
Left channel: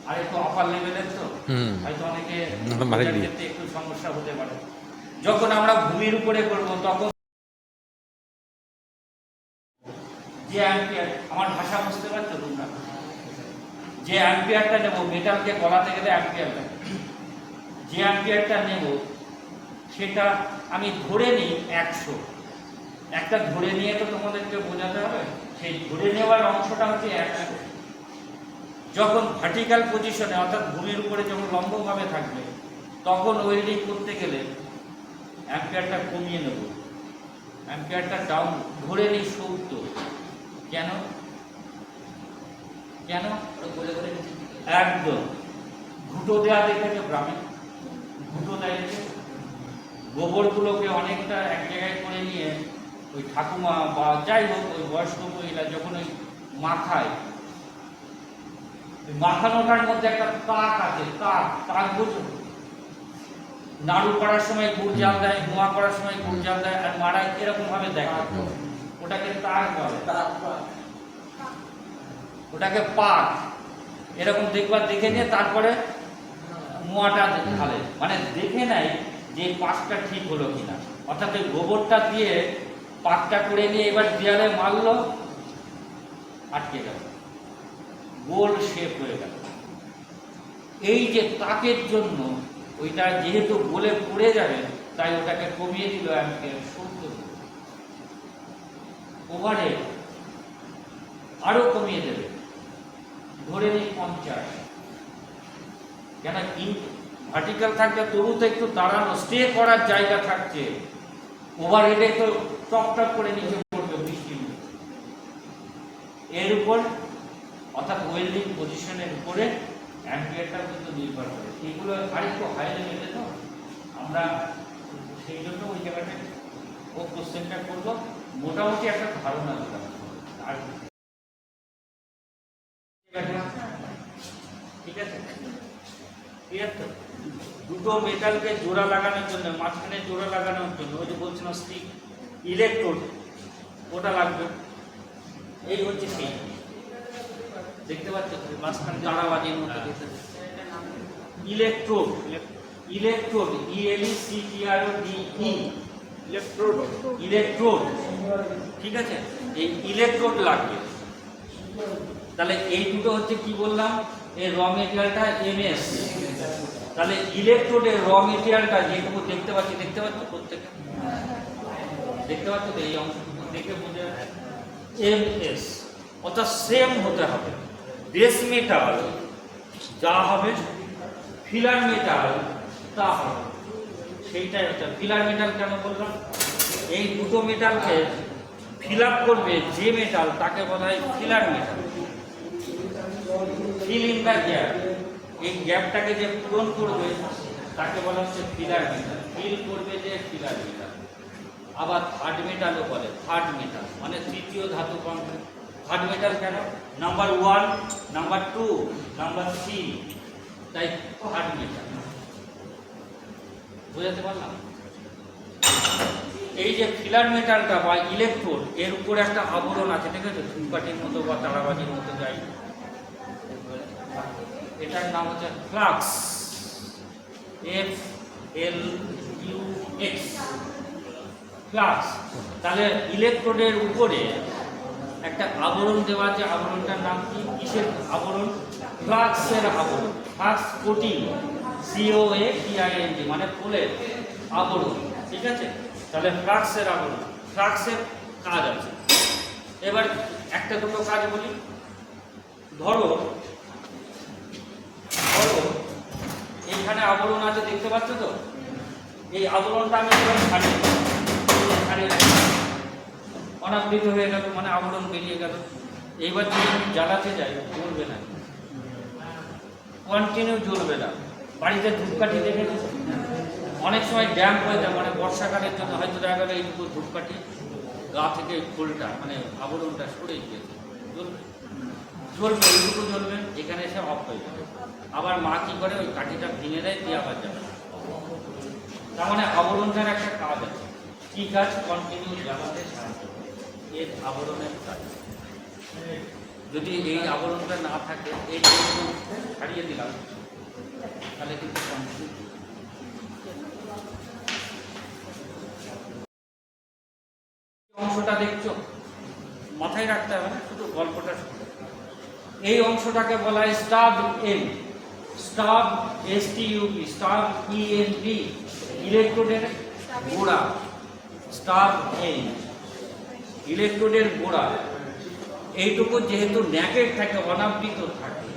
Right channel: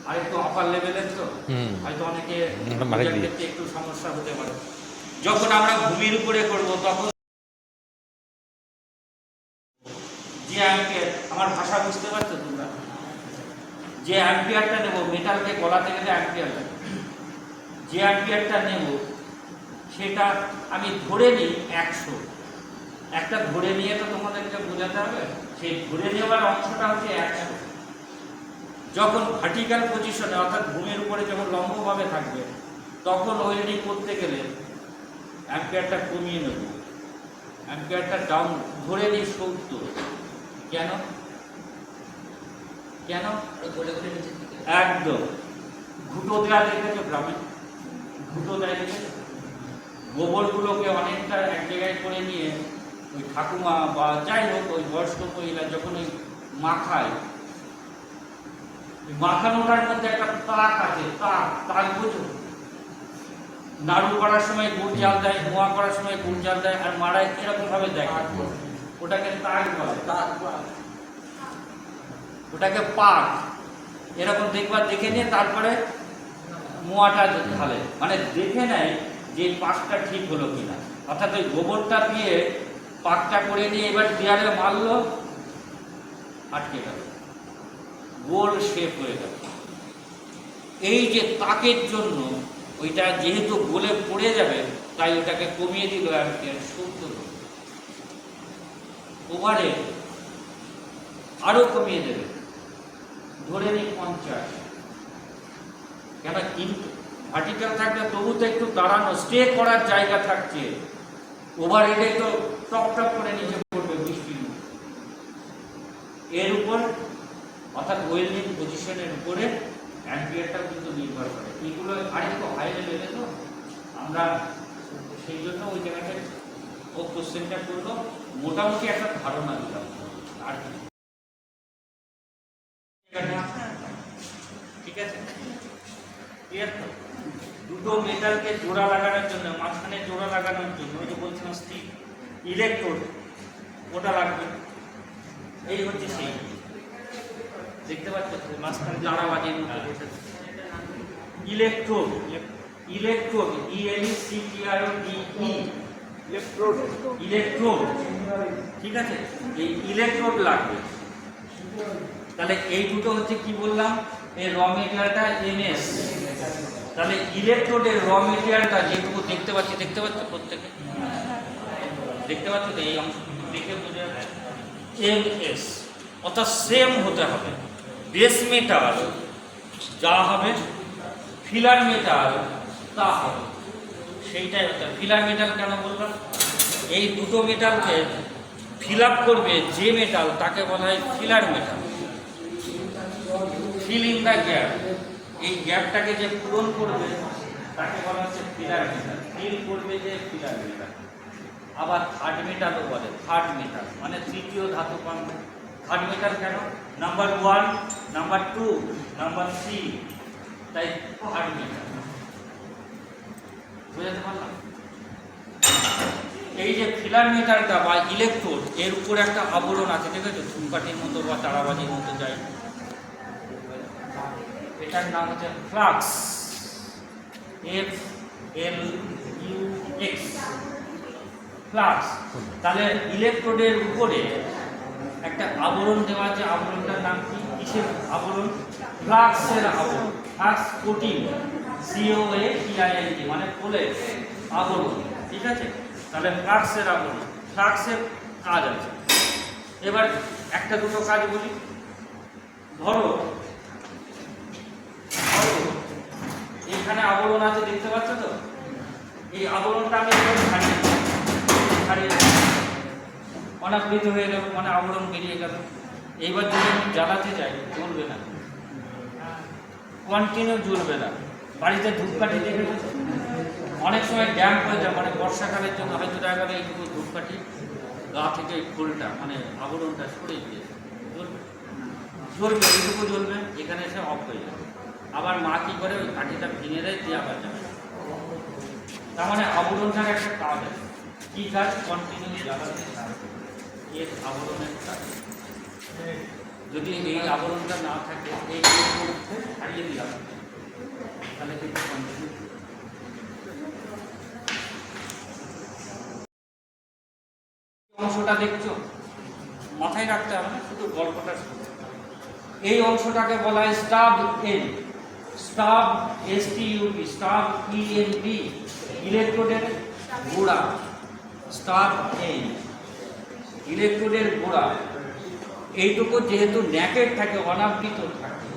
আর একটু আপার লেভেলের, তো হয়তো অনেকে ক্ষেত্রে একটু সমস্যা হতে পারে। যখন আমরা ভূমির উপরে করব, তখন যে অ্যাম্পিয়ার, আমার ভাষা বুঝতে পারছো তোমরা? যে অ্যাম্পিয়ারটা নেব, মেটালকে গলাতে গেলে অ্যাম্পিয়ার লাগে। যে অ্যাম্পিয়ারটা নেব সেটা আমি ধরে নিই 100। একটা ধরে নিয়ে তো তোমাদেরকে বোঝাতে হবে, সেই ধরে নেওয়ার অংশটা হচ্ছে 100। যখন ভার্টিক্যাল পজিশনে, অর্থাৎ ভূমির উপরে যখন লম্বভাবে থাকবে, তখন ওয়েল্ডিং করতে গেলে অ্যাম্পিয়ারটা কমিয়ে নেব, অ্যাম্পিয়ারটা ডাউন ধরে নিই 70। কেন? বলে বলে নিচে একদম ঘুটো দেওয়া দেখেছে গ্রামে, ঘুটো দেয় দেখে গোবরগুলোকে অনেকটা এক জায়গায় করে নিয়ে ওই ঠাকুমা বা যাই হোক ওই বয়স্ক মহিলা যখন ওই মাখায়, মাখানোটার মধ্যে একটা তাক আছে, তাক বুঝো? নাড়ু করার সময় গুড় জাল দেয়, মোয়া করার সময় গুড় জাল দেয়, আর মাড়াই এরকম ভাবে দেয়। ওটাকে তাক বলে, ওটাকে পাক। এরকম দেখবার দেখে নিয়ে তারপরে মোয়াটা ঢালে, মানে দেখে নেয় যে পাকটা ঠিক হলো কিনা। অর্থাৎ ওই গোবরটা দিয়ে পাকটা করে নিয়ে এবার দেয়ালে মারলো, আটকে গেল, গোল শেপ হয়ে গেল। এই যে তাকের জন্য ওইটা যেহেতু গোলে পড়ে যাবে, তাই ওটাকে কমিয়ে দিল অ্যাম্পিয়ার 70। ওভারহেড আরো কমিয়ে দেবে, ধরে নিই 50। কেন? ভার্টিক্যাল থাকবে তবু তো একটু দাঁড়ানো, স্টে করার জায়গা থাকছে। ওভারহেডে তো টপ টপ করে নিচে পড়বে বৃষ্টি। এর উপর, অর্থাৎ ওয়েল্ডিং পজিশনের উপরে অ্যাম্পিয়ারটা কিন্তু নির্ভর করে। এগুলো আরেকটু হাই লেভেলে, তো আমরা সেই জন্য ওই জায়গাটায় ও কোশ্চেনটা করলো, মোটামুটি একটা ধারণা দিলাম। আর ঠিক আছে, ক্লিয়ার তো? দুটো মেটালকে জোড়া লাগানোর জন্য, মাঝখানে জোড়া লাগানোর জন্য ওই যে বলছিলাম স্টিক, ইলেকট্রোড, ওটা লাগবে। এই হচ্ছে সেই, দেখতে পাচ্ছ মাঝখানে তারাবাজির মতো বসে ইলেকট্রোড। ইলেকট্রোড, ইলেকট্রোড, ঠিক আছে? এই ইলেকট্রোড লাগবে। তাহলে এই দুটো হচ্ছে কি বললাম, এই র মেটেরিয়ালটা এমএস। তাহলে ইলেকট্রোডের র মেটেরিয়ালটা যেটুকু দেখতে পাচ্ছ প্রত্যেকে দেখতে পাচ্ছ তো, এই অংশটুকু দেখে বোঝা যাচ্ছে এমএস, অর্থাৎ সেম হতে হবে। বেস মেটাল যা হবে ফিলার মেটাল তা হবে, সেইটাই হচ্ছে ফিলার মেটাল। কেন বললাম? এই দুটো মেটালকে ফিল আপ করবে যে মেটাল, তাকে বলা হয় filler metal. Fill in the gap, এই গ্যাপটাকে যে পূরণ করবে তাকে বলা হচ্ছে ফিলার মেটাল। ফিল করবে যে ফিলার মেটাল। আবার থার্ড মেটালও বলে, থার্ড মেটাল মানে তৃতীয় ধাতু পাবে। থার্ড মেটাল কেন? নাম্বার 1, নাম্বার 2, নাম্বার 3, তাই থার্ড মেটাল। বুঝাতে পারলাম? এই যে ফিলার মেটালটা বা ইলেকট্রোড, এর উপরে একটা আবরণ আছে, ঠিক আছে, ধূপকাঠির মতো বা তারাবাজির মতো যাই, এটার নাম হচ্ছে ফ্লাক্স, FLUX, ফ্লাক্স। তাহলে ইলেকট্রোডের উপরে একটা আবরণ দেওয়া আছে, আবরণটার নাম কি? কিসের আবরণ? ফ্লাক্সের আবরণ। ফ্লাক্স কোটিং, COATING মানে পোলের আবরণ, ঠিক আছে। তাহলে ফ্লাক্সের আবরণ, ফ্লাক্সের কাজ আছে। এবার একটা দুটো কাজ বলি। ধরো এখানে আবরণ আছে, দেখতে পাচ্ছ তো? এই আবরণটা আমি এভাবে ছাড়িয়ে অনাবৃত হয়ে গেল, মানে আবরণ বেরিয়ে গেল। এইবার যদি আমি জ্বালাতে যাই, জ্বলবে না, কন্টিনিউ জ্বলবে না। বাড়িতে ধূপকাঠি দেখেছো? অনেক সময় ড্যাম্প হয়ে যায়, মানে বর্ষাকালের জন্য হয়তো দেখা গেল এইটুকু ধূপকাঠি গা থেকে ফুলটা মানে আবরণটা সরে গিয়েছে, জ্বলবে? জ্বলবে, এইটুকু জ্বলবে, এখানে এসে অফ হয়ে যাবে। আবার মা কি করে, ওই কাঠিটা ভেঙে দেয়, দিয়ে আবার যাবে। তার মানে আবরণটার একটা কাজ আছে। কি কাজ? কন্টিনিউ জ্বালাতে সাহায্য করে, এর আবরণের কাজ। যদি এই আবরণটা না থাকে, এই হারিয়ে দিলাম, তাহলে কিন্তু কন্টিনিউ। অংশটা দেখছো, মাথায় রাখতে হবে না, শুধু গল্পটা শুনে। এই অংশটাকে বলা হয় stub end, stub STUB, stub END, ইলেকট্রোডের গোড়া। স্টাব এন্ড, ইলেকট্রোডের গোড়া। এইটুকু যেহেতু ন্যাকেড থাকে, অনাবৃত থাকে,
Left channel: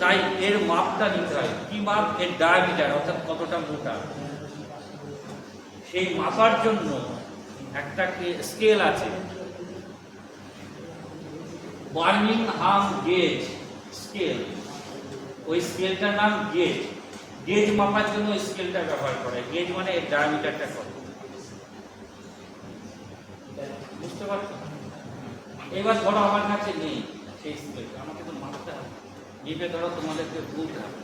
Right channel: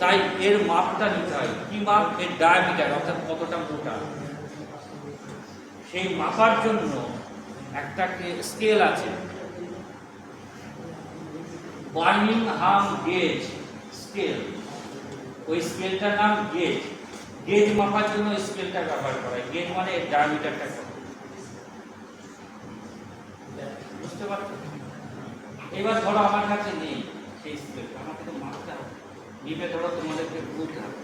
তাই এর মাপটা নিতে হয়। কি মাপ? এর ডায়ামিটার, অর্থাৎ কতটা মোটা। সেই মাপার জন্য একটা স্কেল আছে, বার্মিংহাম গেজ স্কেল। ওই স্কেলটার নাম গেজ। গেজ মাপার জন্য ওই স্কেলটা ব্যবহার করা হয়। গেজ মানে এর ডায়ামিটারটা কত, বুঝতে পারছো? এবার ধরো আমার কাছে নেই সেই স্কেলটা, আমাকে তো মাপতে হবে। নিবে ধরো তোমাদেরকে বুঝতে হবে,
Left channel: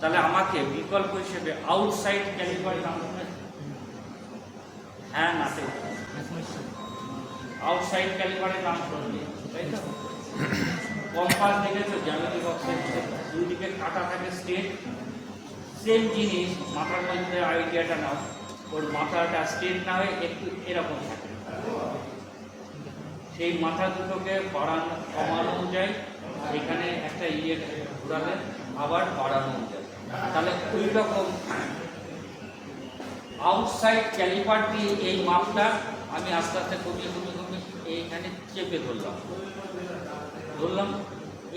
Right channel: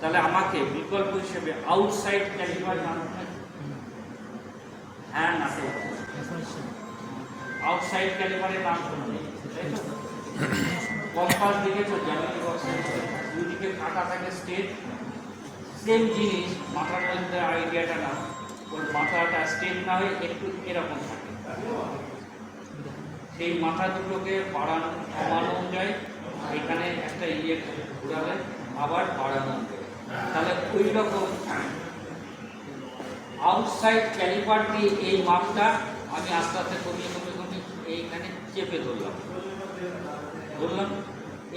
তাহলে আমাকে বিকল্প হিসেবে আউটসাইড ক্যালিপার নাম শুনেছো? হ্যাঁ, না তো আউটসাইড ক্যালিপারের নাম শুনুন, তাই তো? কম্পাস দেখেছো? জ্যামিতি বক্সের দুদিকে কাটা থাকে স্ট্রেট, সেম জিনিস মাথার মধ্যে আইডিয়াটা নাও। ওর মাথাটা স্ট্রেট না হয়ে একটু এরকম থাকে, সেই মাথা দুটোকে বাড়ানো কমানো যায়। এখানে একটা ঘুরালে আবার বাড়ানো যায়। তাহলে ওই রকম আউটসাইড ক্যালিপার দিয়ে এই মাপটা আমি আস্তে আস্তে কমিয়ে এইখানে চেপে ধরলাম।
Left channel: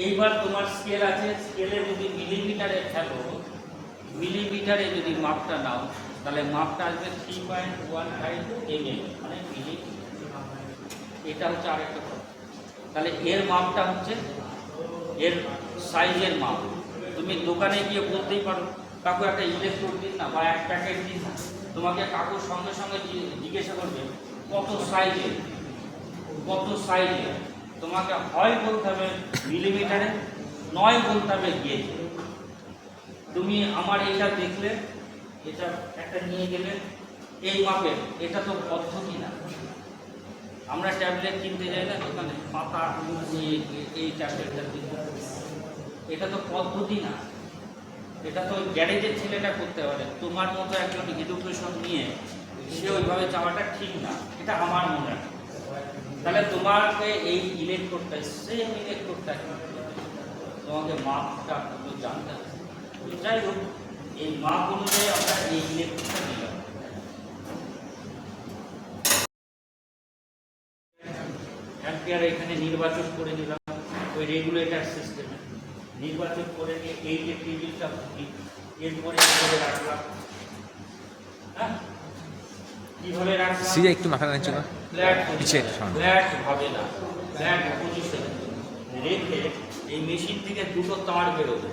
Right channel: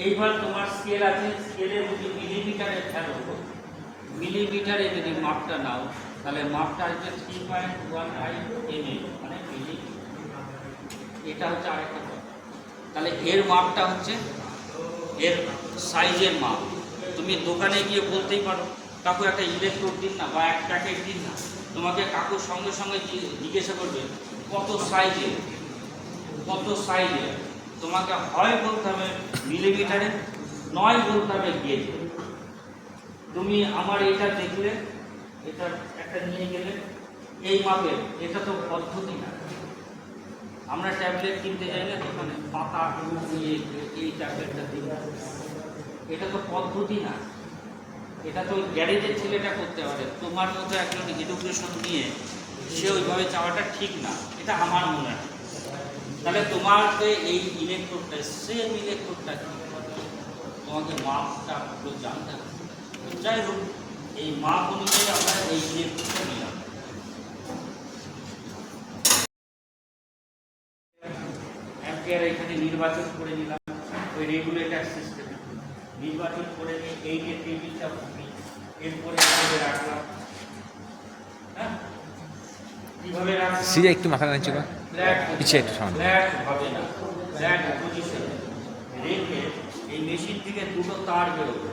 এইবার তোমার স্কেল আছে, স্কেলে যদি মিলিমিটারে ফেলো, মিলিমিটারে যদি মাপটা নাও, তাহলে মাপটা আসবে 3.15 mm, মানে মিলিমিটার। এটা হচ্ছে আরেকটা। তাহলে এর মাপটা হচ্ছে এর সাইজের মাপ। তুমি দোকানে গিয়ে বলতেই পারো, কাকু একটা ইলেকট্রোড দিন না, বা এক প্যাকেট দিন না। তোমাকে কাকুর সঙ্গে সঙ্গে জিজ্ঞাসা করবে কত সাইজের, কত সাইজের। তোমাকে হয় বলতে হবে মিলিমিটারে, নয় বলতে হবে গেজে। তুমি আমার এটা দেখলে, এটা একটা নিয়ে গেলে এই মাপের, এটা তো পদ্ধতি না। আমরা ট্যাবলেট কিনতে যাই না দোকানে, পাতা নিয়ে এই ট্যাবলেটটা দিই, এটা তো পদ্ধতি না। এটা তো গ্যারেজের ছেলেটা করতে পারে। তোমার মতো একজন এডুকেশন নিয়ে সে ওইভাবে চাওয়াটা ঠিক না, এটা আমার মনে হয়। তাহলে তোমাকে এই ইলেকট্রোডটা, সেম ইলেকট্রোডটা তোমাকে মাপটা পুরো জানতে হবে। যাই হোক, এই মাপ অনুযায়ী আমরা এই ইলেকট্রোডটা নিলাম। অ্যাম্পিয়ার এখানে নির্বাচন করে নিলাম ওই রেগুলেটর সিস্টেমে। নির্বাচন করে নিয়ে এই যে টেবিলটা এরপরে কিভাবে রাখলাম, হ্যাঁ কিভাবে রাখলাম, সিজা একটু মাথা নিচে কর, ফ্ল্যাট নিচে একটু সামনে। ফ্ল্যাট হবে না, ফ্ল্যাট পজিশন রেখে এই মেশিন থেকে দুটো তার বেরোবে।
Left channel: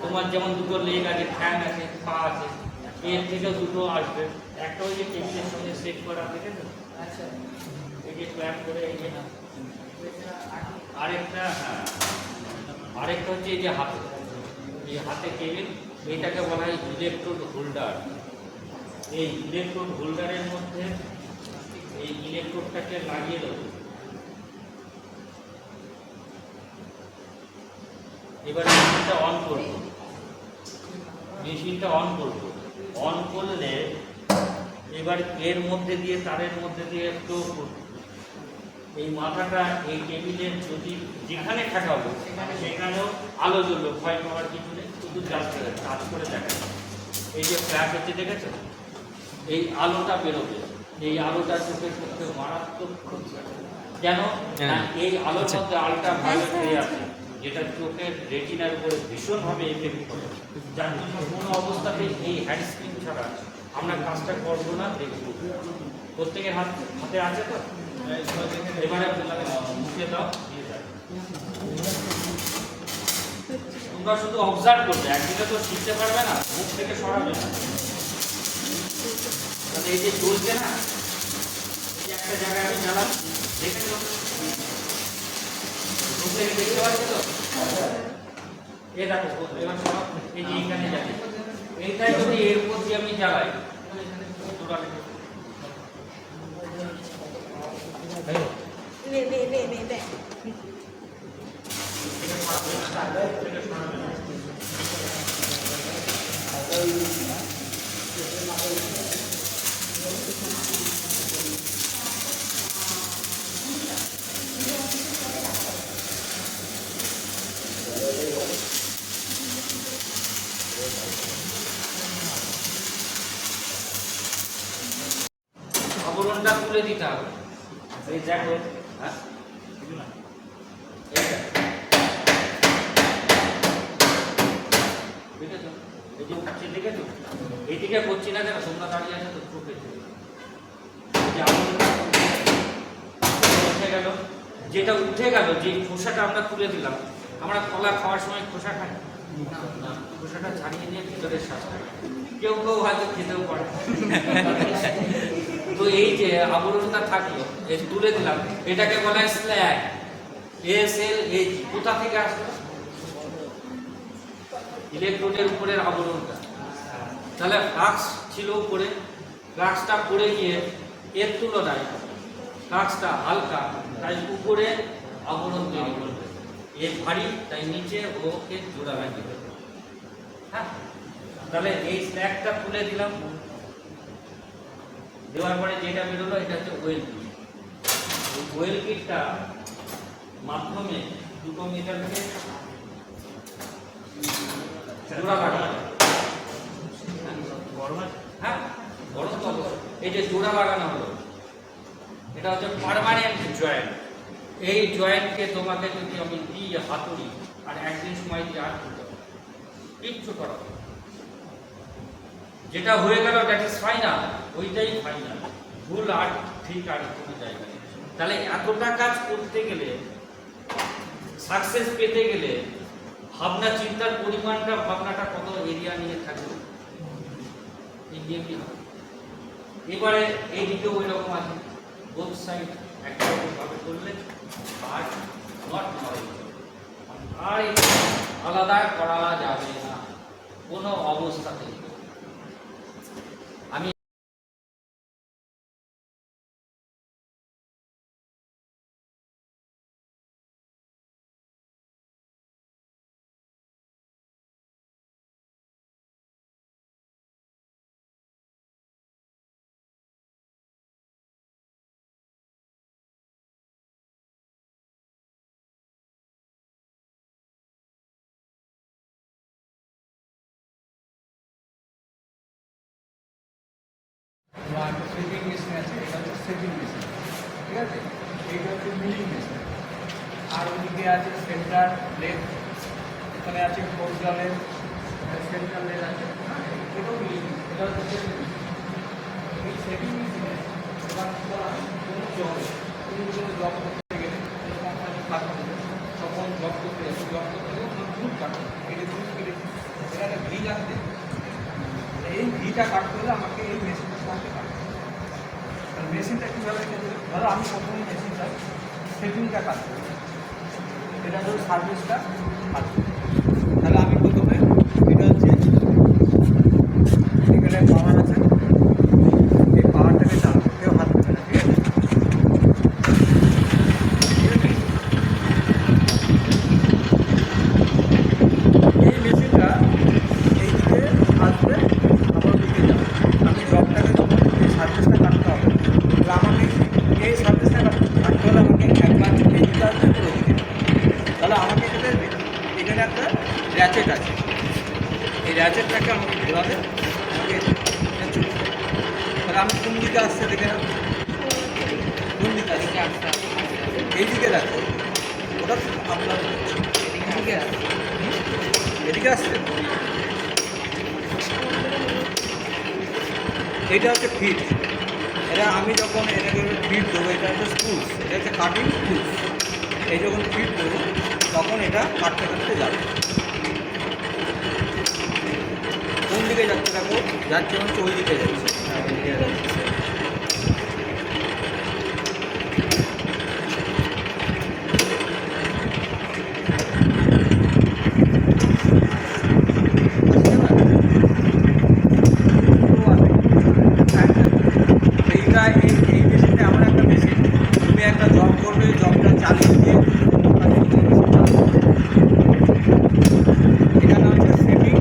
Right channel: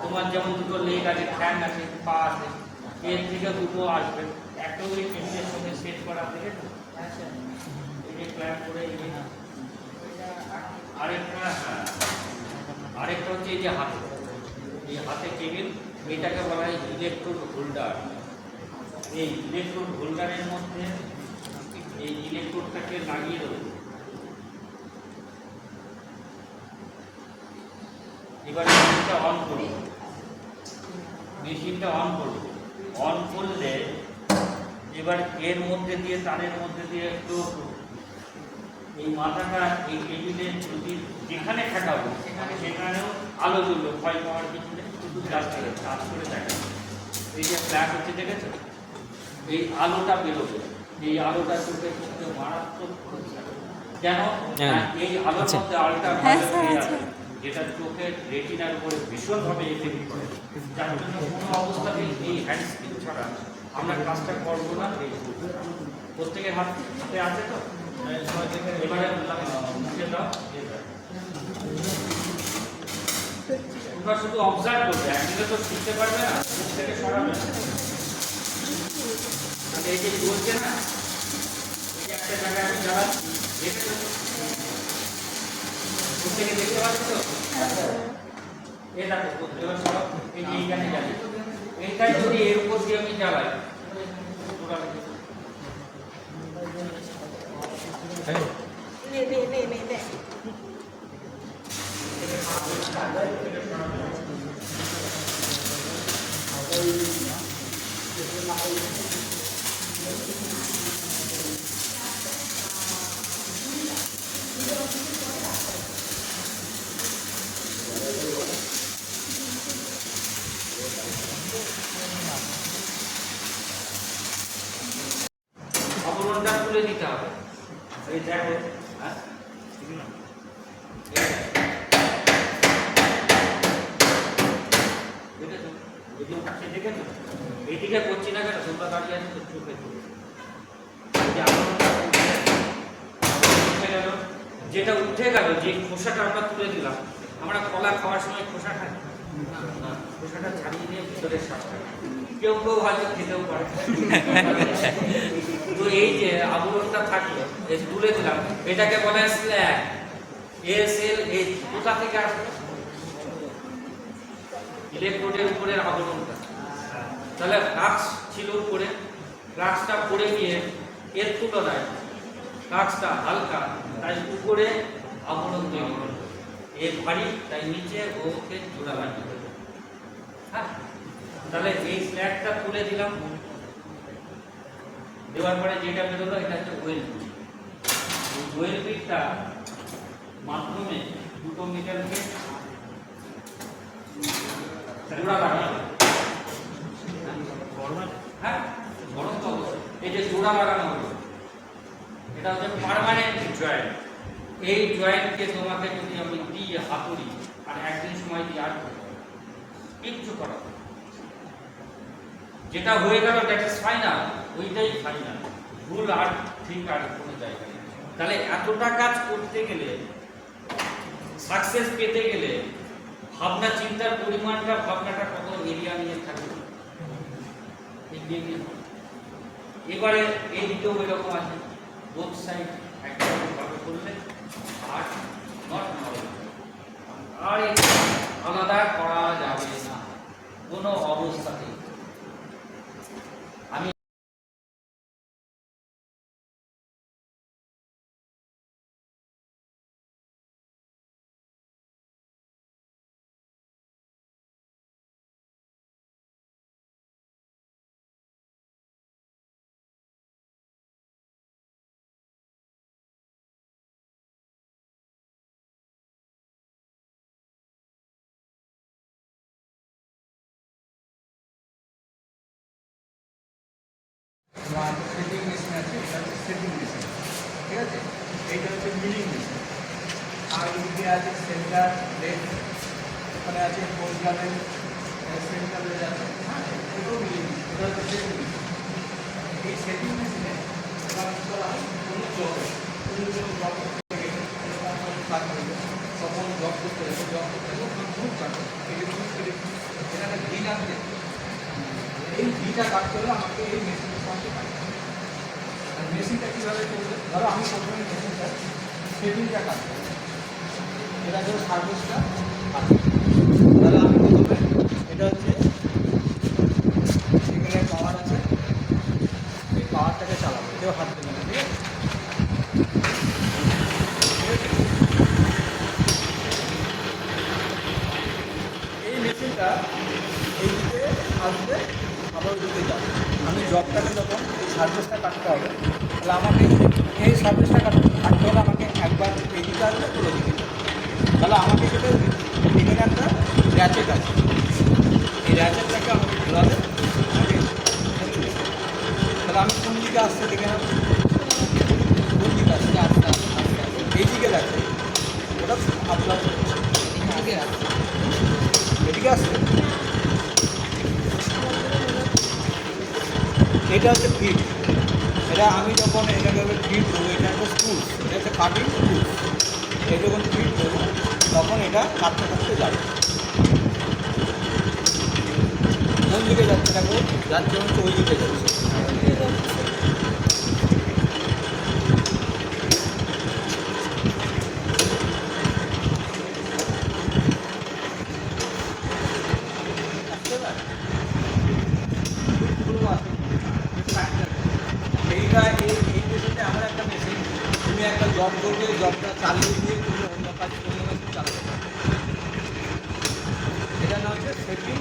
তোমার যেমন দুটো লেগ আছে, ফ্যান আছে, পা আছে, এর থেকে দুটো আসবে। একটা ওই যে টেবিলের সঙ্গে সেট করা থেকে তো এই যে ক্ল্যাপ করে এই যে আরেকটা, হ্যাঁ আরেকটা হচ্ছে এই যে হাতে, এই হাতে টেবিল, এটাকে বলা হয় ইলেকট্রোড হোল্ডার। এই ইলেকট্রোড হোল্ডারের মধ্যে এই ইলেকট্রোডটাকে লাগিয়ে দেবো। এবার মেশিনটা অন করব, মেশিনটা অন করব। অন করলে এবার এর মধ্যে দিয়ে, তারের মধ্যে দিয়ে একটু এই মাথাটা এই টেবিলের যদি যেখানে ঠেকাবো সেখানেও আলো জ্বললো, ভয় পাওয়ার কিছু নেই, শুধু চার্জ করে দেখা। এই যে ফ্ল্যাশ হচ্ছে দেখেছো, এই আলোটা বেরোবে, এই আলোটা চোখের পক্ষে মারাত্মক ক্ষতি। কেন? এই আলোর মধ্যে আলোটা যেটা চোখের রেটিনার উপরে ভীষণভাবে এফেক্ট করে, যার জন্য কোনো অবস্থাতেই এই হ্যান্ড স্ক্রিন ছাড়া আমরা কাজটা করবো না। প্রত্যেকের হাতে আছে তো, এবারে মুখে দাও, তোমরা শুধু অবজার্ভ করবে, একদিনে তো শিখতে পারবে না, মুখ থেকে সরাবে না। এই যে চলছে না, এই যে একটা জায়গায় আমি জ্বালাচ্ছি, দেখেছো মুখ থেকে দেখতে পাচ্ছি তো, এ দেখো এবার সব এই যে এইখানে যাবে, এইটাই যদি এর উপর দিয়ে আমি জ্বালাই, আবরণটা খুলে দিতে হবে। এই দেখো, হ্যাঁ দেখেছো, এই যে উঠছে দেখেছো, এইদিকে করছি না কেন, তোমরা দাঁড়িয়ে আছে তো চোখে চোখে, এই যে আবরণটা উঠে গেল, যেটা উঠে গেল, যে খোসাটা আমরা তুলে দিলাম। আমরা কলা খাওয়ার সময় খোসা খাই না, খোসাটা ছাড়িয়ে নিয়ে ভিতরের শ্বাস খাই, কেউ কেউ হয়তো খেতেও পারে। তো এই যে আবরণটা থাকলো, এই তুলে দিলাম, এটাকে বলা হয় স্ল্যাগ। SLAG কোথা থেকে আসলো? ইলেকট্রোডের উপরের আবরণটা। তাহলে ফ্লাক্স ছিল উপরে, ফ্লাক্সটা পড়ে গিয়ে এর তুলনায় ফ্লাক্সটা হালকা, তাই উপরে আবরণ তৈরি হলো। এর ভারী, তাই নিচে ওকে জোড়া লাগিয়ে। হ্যাঁ, তাহলে এই স্ল্যাগটা তুলে দিলাম, দেওয়ার পরে যেটা বেরোলো এটা হচ্ছে ওয়েল পিট। ওয়েল পিটটা মাধ্যমে দুটো মেটালকে জোড়া লাগানো। হ্যাঁ, গরম তো এই যে জোড়া লাগানো হলো, এটা হচ্ছে পার্মানেন্ট জয়েন্ট। এই জয়েন্টকে তোমাকে যদি আমি দিই হাতুড়ি আর একদিন সময় দিয়ে আর কিচ্ছু করা, যেটা হয়ে গেল দ্যাট ইজ ফাইনাল, ওইটাই ফাইনাল, ভুল আর ঠিক আর কোনো জায়গা নেই। তাহলে এতটা কাজ করতে গেলে, সাকসেস পেতে গেলে ভাবনা চিন্তার পরিমাণটা, ভাবনাটা কত এরিয়া নিয়ে থাকবে। এবারে এই দিকেও ওই রকম আছে, বোথ সাইড একভাবে করলে আর আর আলাদা করা যাবে না কোনো অবস্থাতেই। আমি সেটিং মেশিন আছে, এটা হচ্ছে সেটিং মেশিন, ঠিক আছে। এইটা হচ্ছে মিলিং মেশিন। আর ওইদিকে আছে সেন্টার লেফট, ওখানে আছে কোলগানের সেন্ট্রাল লেয়ার আছে, এটাও মিলিয়ে এটা হচ্ছে সেটিং মেশিন। এই সেটিং মেশিনে এবার কোনো জব করতে গেলে কোনো কোম্পানি থাকবে তখন জব করতে গেলে জব করতে গেলে খুব কাটে কেটে এটা একটা ঘি লাগবে, এই ঘিটা কাটতে হলে আমাকে এই মেশিনের সাহায্যে কাটতে হবে। আর মেশিনটা কীভাবে চলবে, ধরো আমি প্রথমে মেশিনটা সেটিংটা কাটবো, এটা ধরো সার্ভিসটা কাটবো। তাহলে আমি প্রথমে এটা হচ্ছে এখানে পাওয়ার আছে, এই পাওয়ারটাকে চালাবো, কেউ হাত দেবে না, ঠিক আছে? ঠিক আছে, এই মেশিনটা এইদিকে আসবে আবার ওদিকে যাবে। আমি জবটাকে যখন এই সার্ভিসটা কাটতে হবে, তাহলে আমাকে এই সার্ভিসটা কাটতে হলে আমাকে একবার এইদিকে আসবে একবার ওদিকে যাবে। তাহলে আমাকে সেটা এখানে একটা র্যাচেট আছে, এই র্যাচেটটাকে আমাকে ঘোরালে আমাকে তাহলে আমি কোন দিকে আসছে দেখে নেব, কোন দিকে আসছে, এই দিকে যাচ্ছে, ওটা আপনার এদিকে আসছে। এটা হচ্ছে ফিট, এটা আমি যখন এটাকে ফিট দেবো, এটা একটা স্ক্রুজ, এটা হচ্ছে কাটিং স্ক্রুজ। এই যখন ফিট দেবো তখন এটা কাটতে কাটতে যাবে। কোন দিকে যাচ্ছে দেখো, যাচ্ছে হচ্ছে ওই দিকে যাচ্ছে। এইটা এই মেশিনটা এমন একটা মেশিন, তুমি একটা জব করবে, জবটা চালিয়ে দিয়ে এটা নাম হচ্ছে সেটিং।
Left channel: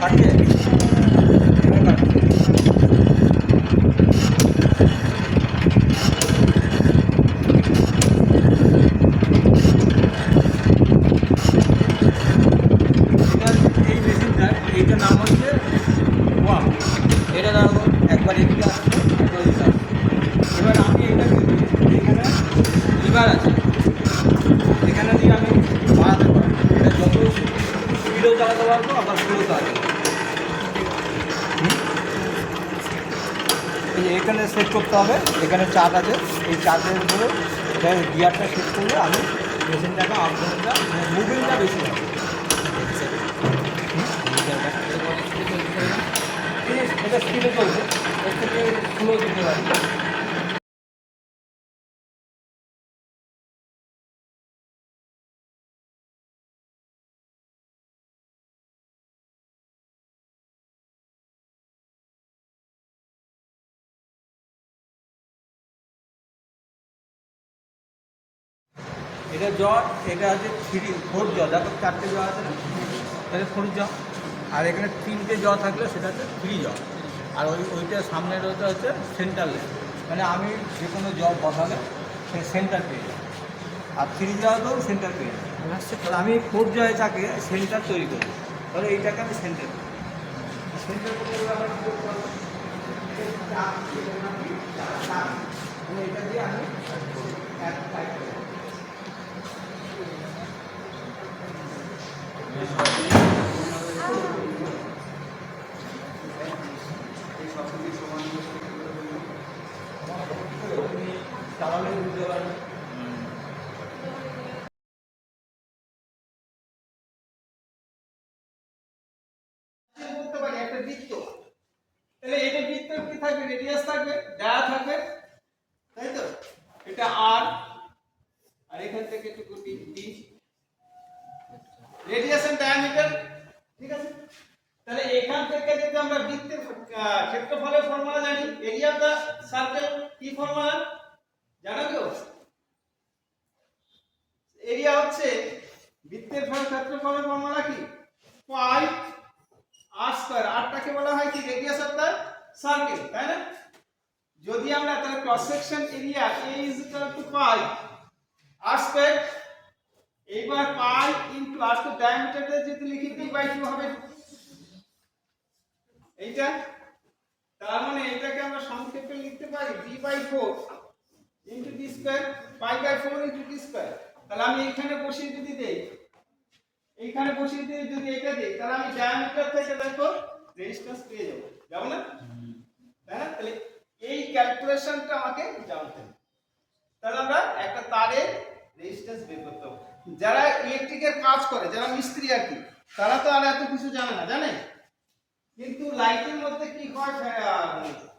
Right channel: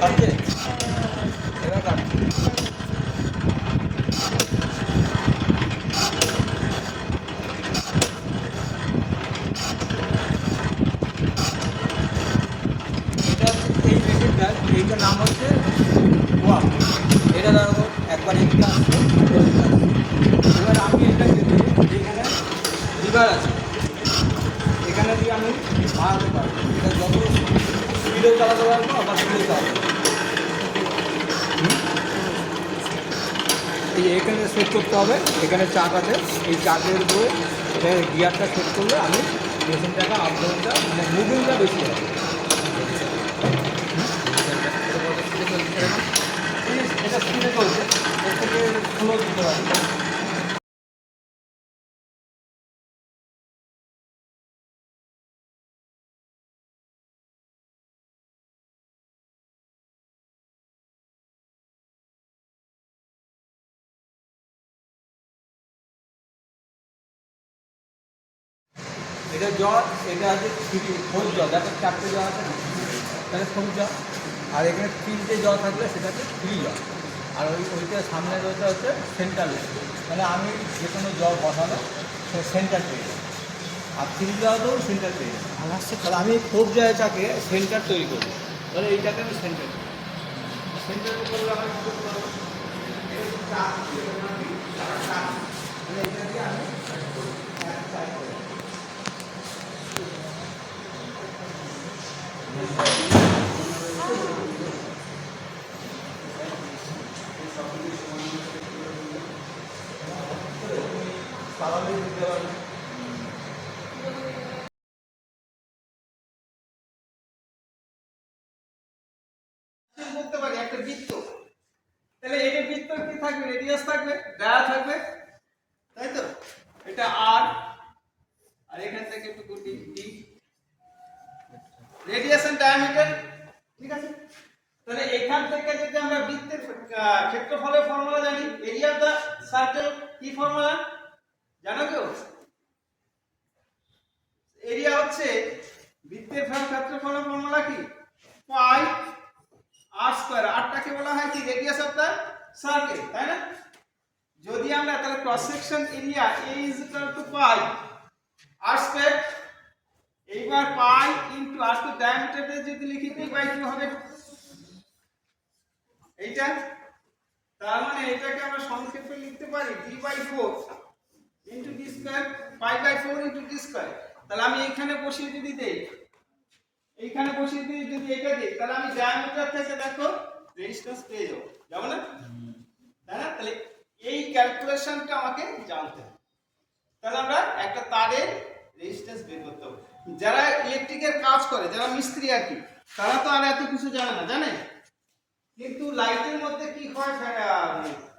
কাটছে, এবার কাটছে। এটা এই মেশিনটার এইটার নাম হচ্ছে ওয়াম। এটা ধরো একবার এদিকে আসছে একবার এদিকে আসছে। এবার আমি এটাকে দিয়ে এখানে লিভার আছে, এখানে দিয়ে আমি বাড়াতে পারবো, এটা যত স্পিডেও চালাতে পারবো আবার স্পিডেও চালাতে পারবো। এখানে সেট করতে হবে, এখানে চাপ আছে, এই চাপের উপরে গিয়ারটা সেট করলে আমি মেশিনটাকে আপডেটটা মানে মুভিংটা বেশি হবে। এটা স্পিডে করবে, এর থেকে স্লো দিতে পারবে। এটা জ, এটা আছে ফোর জ, দেখো চারটে জ আছে না, তাহলে ফোর জ। আর এখানে তিনটে জ থাকলে সেটা হচ্ছে থ্রি জ। আর ওইটা সামনের ওইটা হচ্ছে সেন্টার লাইন, মানে আমি যে কোনো জ বসালে সে সেন্টার পেয়ে যাবে। আর থ্রি জ তো সেন্টার পেয়ে যাবে। তাহলে আমি ফোর জয়টাকে সেন্টার তৈরি করবো, তাহলে এইটাকে আমি সেন্টার সেন্টার তৈরি আমার কী করতে হবে, এটা হচ্ছে চাপ, মানে এটা দিয়ে আমি এক সাইড করে চালালে বুঝতে পারবে। করতে পারি একটা বৃত্ত, তাহলে এটা বৃত্ত কি থাকবে, রেডিয়াস থাকবে, ডায়া থাকবে, তাই তো? এটা আর আর এখান থেকে একটু ডি, রেডিয়াস এন্ড ডায়ামিটার, ঠিক আছে? তাহলে এখান থেকে যদি আমরা বৃত্তের ক্ষেত্রফলের ফর্মুলা জানি, এরিয়া অফ দা সার্কেল কি ফর্মুলা জানো তো? এরিয়া হচ্ছে বৃত্তের ক্ষেত্রফলের ফর্মুলা কি, পাই আর স্কয়ার। আরটাকে বলা হয় কি, রেডিয়াস অফ দা সার্কেল, তাই না? যদি আমরা তাহলে cross section area A = pi r square, এইবার পাই ইনটু r স্কয়ার ডায়ামিটারটা যদি লিখি d/2 হবে এইটা। তার মানে এটাকে আমরা সংক্ষেপে লিখতে পারি d/4 into d square, π/4 into d square. তাহলে আমি এখানে বসিয়ে যদি দেই, এইখানে বসিয়ে দিয়ে যদি এটা দিই, তাহলে আমি ডায়ামিটার থেকে দেখো রেজিস্ট্যান্স পেয়ে যাবো, যাবো না? তাই না? তাহলে এই ক্যালকুলেশনটা আমাকে জানতে হবে। তাহলে আমরা একটা তারের রেজিস্ট্যান্স বের করতে হবে। যারা ইলেকট্রিকের কাজ করে, যারা মিস্ত্রি আর কি, তারা তো আর এত কিছু জানে না, জানে? কিন্তু লাইটের মধ্যে কি হয়,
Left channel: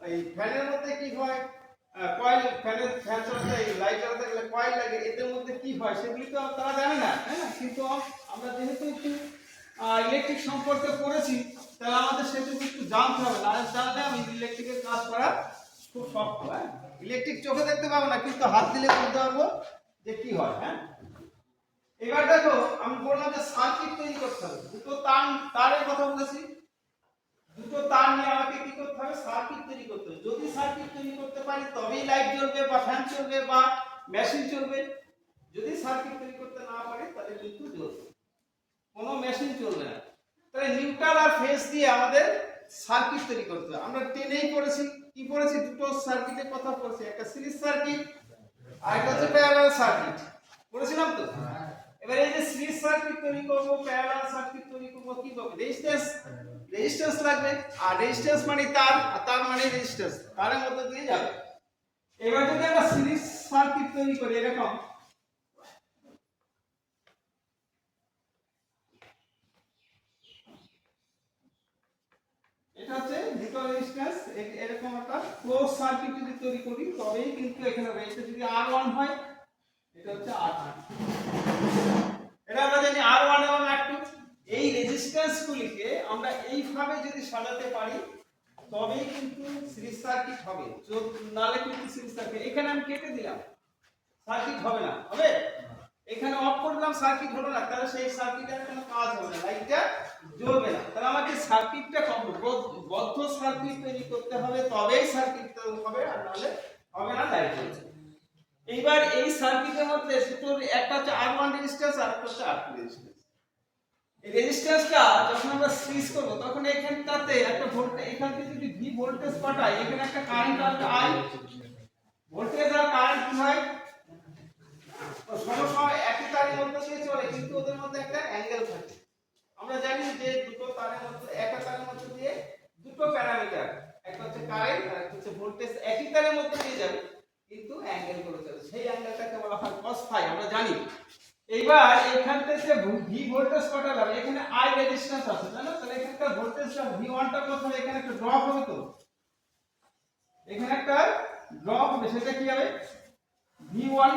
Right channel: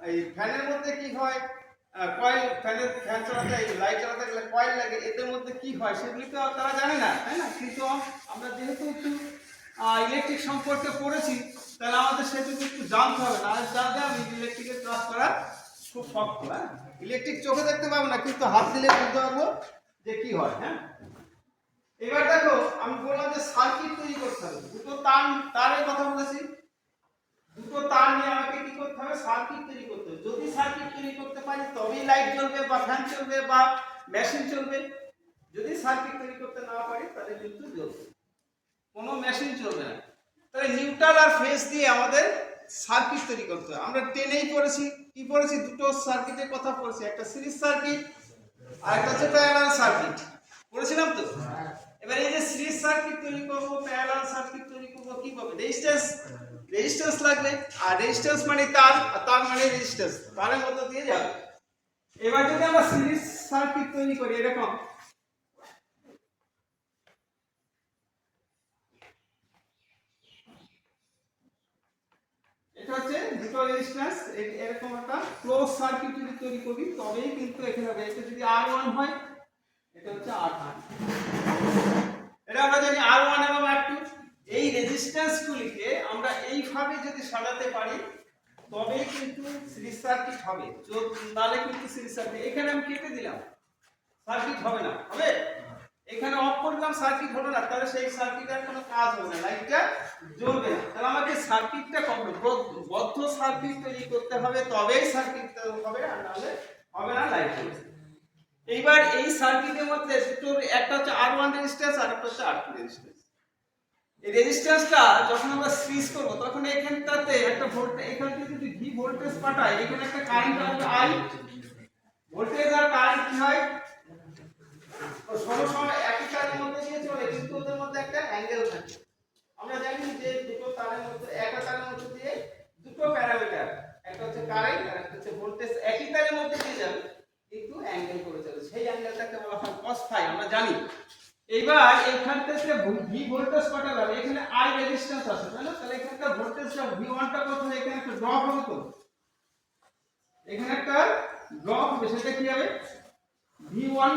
এই ফ্যানের মধ্যে কি হয়, কয়েল, ফ্যান চালাতে লাইট চালাতে গেলে কয়েল লাগে, এদের মধ্যে কি হয় সেগুলি তো তারা জানে না, তাই না? কিন্তু আমরা যেহেতু একটু ইলেকট্রিক সম্পর্কে পড়েছি, তাহলে আমাদের সেটুকু একটু জানতে হবে, না জানলে আমি ইলেকট্রিকের কাজ করা খুব শক্ত। হ্যাঁ, ইলেকট্রিক চোখে দেখতে পাবো না, কিন্তু হাত দিলে বুঝতে পারবো যে কি হয়। হ্যাঁ, এবার দেখো আমি বললাম যে সার্কিট তৈরি করতে হবে, দুটো তারের কথা বলেছি, দুটো তার নিয়ে আমাকে কি করতে হবে, সার্কিট তৈরি করতে হবে। যদি সার্কিট তৈরি করতে পারি তবেই লাইট জ্বলবে বা ফ্যান চলবে বা মেশিন চলবে। যদি সার্কিট তৈরি করতে না পারি তাহলে কিন্তু জ্বলবে, কোনো মেশিন চলবে না। তাহলে নিউট্রাল আর ফেজ দিয়ে আমাদের সার্কিট তৈরি করতে হবে। আমরা টেনেই পড়েছি, কি পড়েছি, দুটো সার্কিটের কথা পড়েছি, একটা সিরিজ সার্কিট আর একটা হচ্ছে প্যারালাল সার্কিট, পড়েছিলাম তো। এবার এই যে সিরিজ সার্কিট তৈরি করব, প্যারালাল সার্কিট তৈরি করব, কি হবে, রেজিস্ট্যান্স লাগবে। আর রেজিস্ট্যান্স মানে তার, আর তার মানে রেজিস্ট্যান্স, তারের মধ্যে দিয়ে যাবে। এবার যদি আমরা সিরিজ সার্কিট তৈরি করি এরকম, এটা হচ্ছে দুটো রেজিস্ট্যান্স, এরকম একটা ক্লোজ সার্কিট যদি তৈরি করি তবেই কিন্তু এখানে হবে। এটা যদি R1 হয়, এটা হচ্ছে R2, এটা আমরা জানি R1 এবং R2। এই রেজিস্ট্যান্স গুলিকে আমরা এইভাবে যদি সাজাতে পারি তবেই কিন্তু সিরিজ সার্কিট হবে, নালে কিন্তু সিরিজ সার্কিট, এখানে আমি কেটে দিলাম, সার্কিট হবে না, হবে? এখানে অফ করলাম, সার্কিট হলো না, তাহলে সেই সার্কিটের কোনো কাজ হবে না, লাইটটা জ্বলবে না। তাহলে আমাকে সার্কিটটা বদ্ধ সার্কিট তৈরি করতে হবে, তবেই সার্কিট হবে, আর নাহলে হবে না, লাইট জ্বলবে। এইবার এই সার্কিটের মধ্যে দুটো, একটা হচ্ছে R1 রেজিস্ট্যান্স আর একটা হচ্ছে R2 রেজিস্ট্যান্স। এই রেজিস্ট্যান্সটা যখন আমরা সুইচ করব তখন এখানটাতে একটা ভোল্টেজ, এখান থেকে যদি V ভোল্টেজ পাঠাই, এখানে একটা কারেন্ট আসবে I, ভোল্টেজ আর কারেন্ট কি হয়, সমসময় একই তারের মধ্যে দিয়ে চলে, কিন্তু ওদের মধ্যে একটা অ্যাঙ্গেল থাকে। আমরা জানি যে দুটো তারের মধ্যে, একটা তারের মধ্যে দিয়ে দুটো প্যারামিটার, একটা হচ্ছে কারেন্ট আর একটা হচ্ছে ভোল্টেজ, একই তারের মধ্যে দিয়ে যাবে কিন্তু অ্যাঙ্গেল করে চলে, সেই অ্যাঙ্গেলটাকে বলা হয় cos phi, আমরা জানি। এইবার এইখান থেকে V ভোল্টেজ পাঠালাম, এখানে I রেজিস্ট্যান্স আছে, তাই না? তাহলে এখানটা ভোল্টেজটা V1 টা কত হবে, এখানে একটা ড্রপ হবে, তো এখানে একটা ড্রপ হবে, সেটা কি হবে, V1,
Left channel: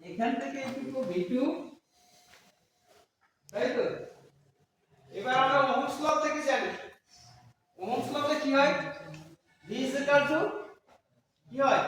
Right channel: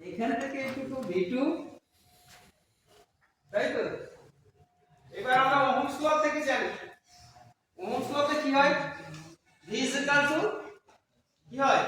এখান থেকে একটু V2, তাই তো? এবার আমরা ওহমস ল থেকে জানি, ওহমস লতে কি হয়, V কি হয়,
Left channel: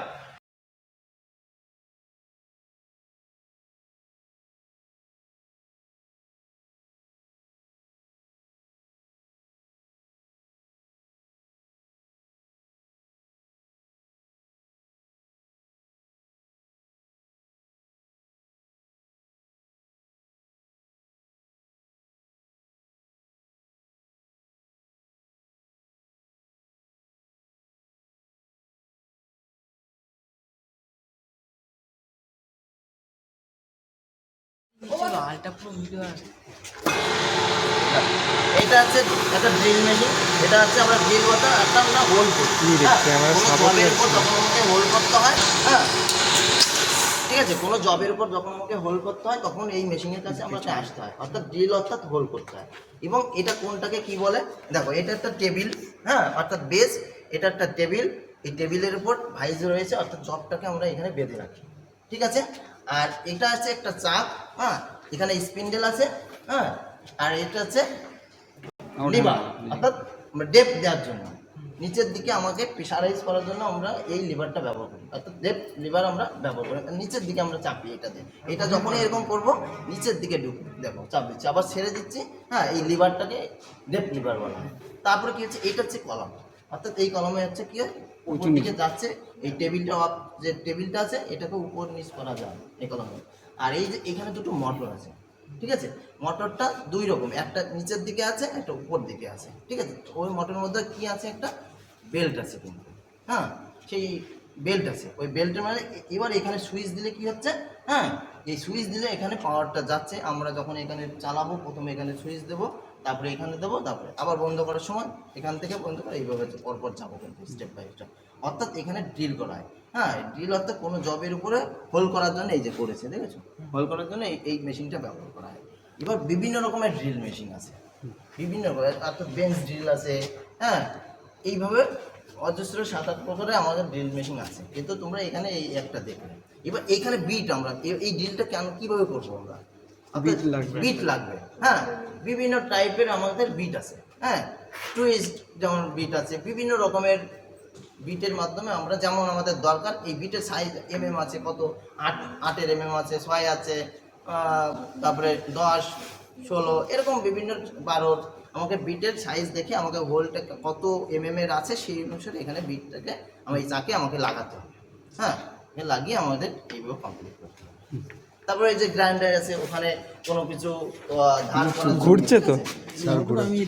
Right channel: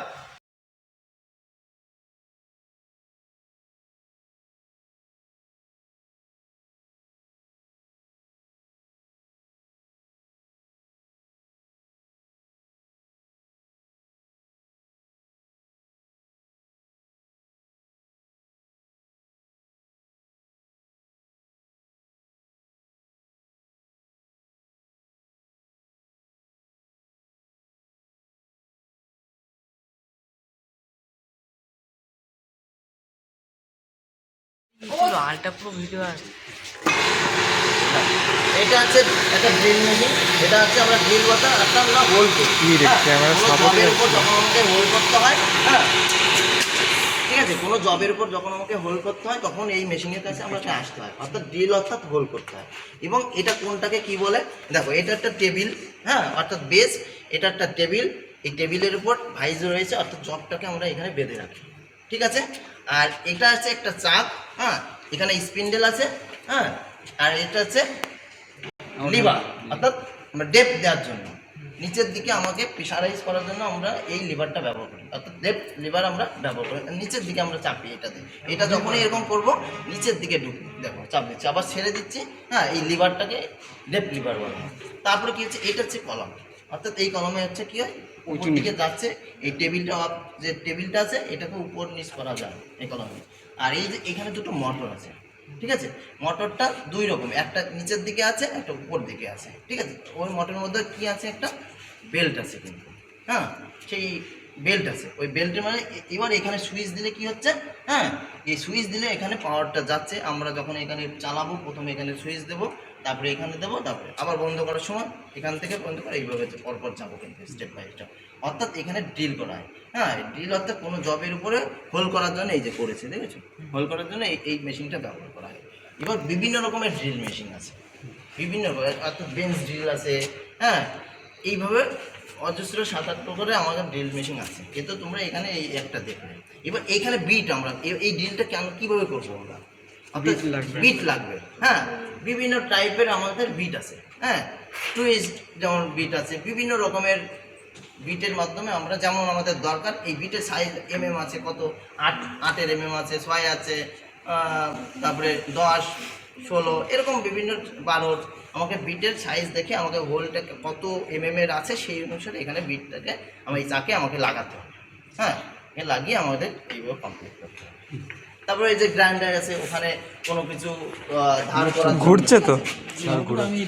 আলটা পুরো ভিডিও আসছে। এটা হচ্ছে একটা ড্রিল মেশিন, এটা হচ্ছে আমরা ড্রিল করতে একটা আমরা হোল্ড করি, যখন আমাকে হোল্ড করতে হয়, হ্যাঁ ঠিক আছে, কোনো জবের উপর যখন আমাকে হোল্ড করতে হয় তখন এই মেশিনের কাছে আমাকে আসতে হয়, অর্থাৎ ড্রিল অর্থাৎ হোল্ড করতে হয়। এবং এটা কোনটাকে কি বলে দেখো, এটা একটা টেবিল, হ্যাঁ অর্থাৎ বেস, এটা একটা টেবিল, এই টেবিলের উপর ভাইজ রয়েছে, অর্থাৎ জবটাকে আমরা এখানে বেঁধে রাখি, ঠিক আছে। আর এটা হচ্ছে একটা চাক, হ্যাঁ এখানে স্পিন্ডেল আছে, হ্যাঁ আর এটা হচ্ছে লিভার, অর্থাৎ আমরা ডেপথ দেওয়ার জন্য, নিচের দিকে আমাকে প্রেশারাইজ করার জন্য আমরা এই লিভারটা ব্যবহার করি, অর্থাৎ ডেপথ লিভার আমরা ব্যবহার করি, নিচের দিকে আমরা চাপি এটাতে, এটা যখনই এরকম করব নিচের দিকে দেখো চাপ দিচ্ছি, আবার ছেড়ে দিচ্ছি, হ্যাঁ এই লিভারটাকে ডেপথ লিভার বলা হয়। তারপরে কি হচ্ছে, এটা হচ্ছে কলম, অর্থাৎ এই কলমে হচ্ছে কি হয়, উপর দিকে যাচ্ছে। এই টেবিলটা যে টেবিলটা আছে এটাকে উপর নিচ করা যায় এই কলমে। আর এই যে এখানে দুটো মোটর আছে, ঠিক আছে? মোটরটা দুই রকম, একটা নিচের দিকে আছে, একটা উপর দিকে আছে, ঠিক আছে? ওই মোটরের মধ্যে কি আছে, একটা বেল্ট আছে কিন্তু, হ্যাঁ, সেই বেল্ট আছে। ওই বেল্টের মানে এবার এখানে সুইচ দিলে কি হচ্ছে, হ্যাঁ, এই সুইচ দিলে এখানে পাওয়ারটা যাচ্ছে। আমরা যখন এখানে চালাবো প্রথমে এখানে সুইচ দেবো, তারপরে এখানে দেবো, তারপরে আবার বন্ধ করার সময় এখান থেকে বন্ধ করে এইভাবে পরপর যাবো কিন্তু স্টেপ বাই স্টেপ। অর্থাৎ এখানে ড্রিল করা হয়, হ্যাঁ, ড্রিল অর্থাৎ কোনো জবের উপরে হোল করার জন্য এই যে করেছে, দেখেছো, হোল করার জন্য এই মেশিনটা ব্যবহার করা হয়। এবার বিভিন্ন রকমের ড্রিল মেশিন আছে, বিভিন্ন রকমের, অর্থাৎ বেঞ্চ ড্রিল আছে, হ্যাঁ, এইভাবে অজস্র 7-8 প্রকারের আমাদের ড্রিল মেশিন আছে। কিন্তু তোমরা এখানে এই একটা দেখবে। এবার এইখানে বিট, আমরা এই ড্রিলটা কীভাবে করবো আমরা, বিট লাগবে, হ্যাঁ, বিভিন্ন টাইপের আমাদের বিট আছে, হ্যাঁ, টুইস্ট যেমন বিট আছে, বিভিন্ন রকমের বিটের মাধ্যমে আমরা যেমন আমাদের দরকার। এই বিটের সাইজ আছে, কত 8-8 আছে, 6 আছে, তারপরে 10, 16 এরকম বিভিন্ন 12। আমাকে বিটের সাইজ দেখে আমাকে হোলটা কত এর আছে সেই অনুসারে এখানে বিটটাকে এই চাকে আমাকে লাগাতে হবে, হ্যাঁ, লাগিয়ে আমাদের এইভাবে কমপ্লিট করতে হবে। তারপরে এই যে গ্রাইন্ডার আছে, ওখানে কোনো কিছু ধার করা ঘুরছে তো আমি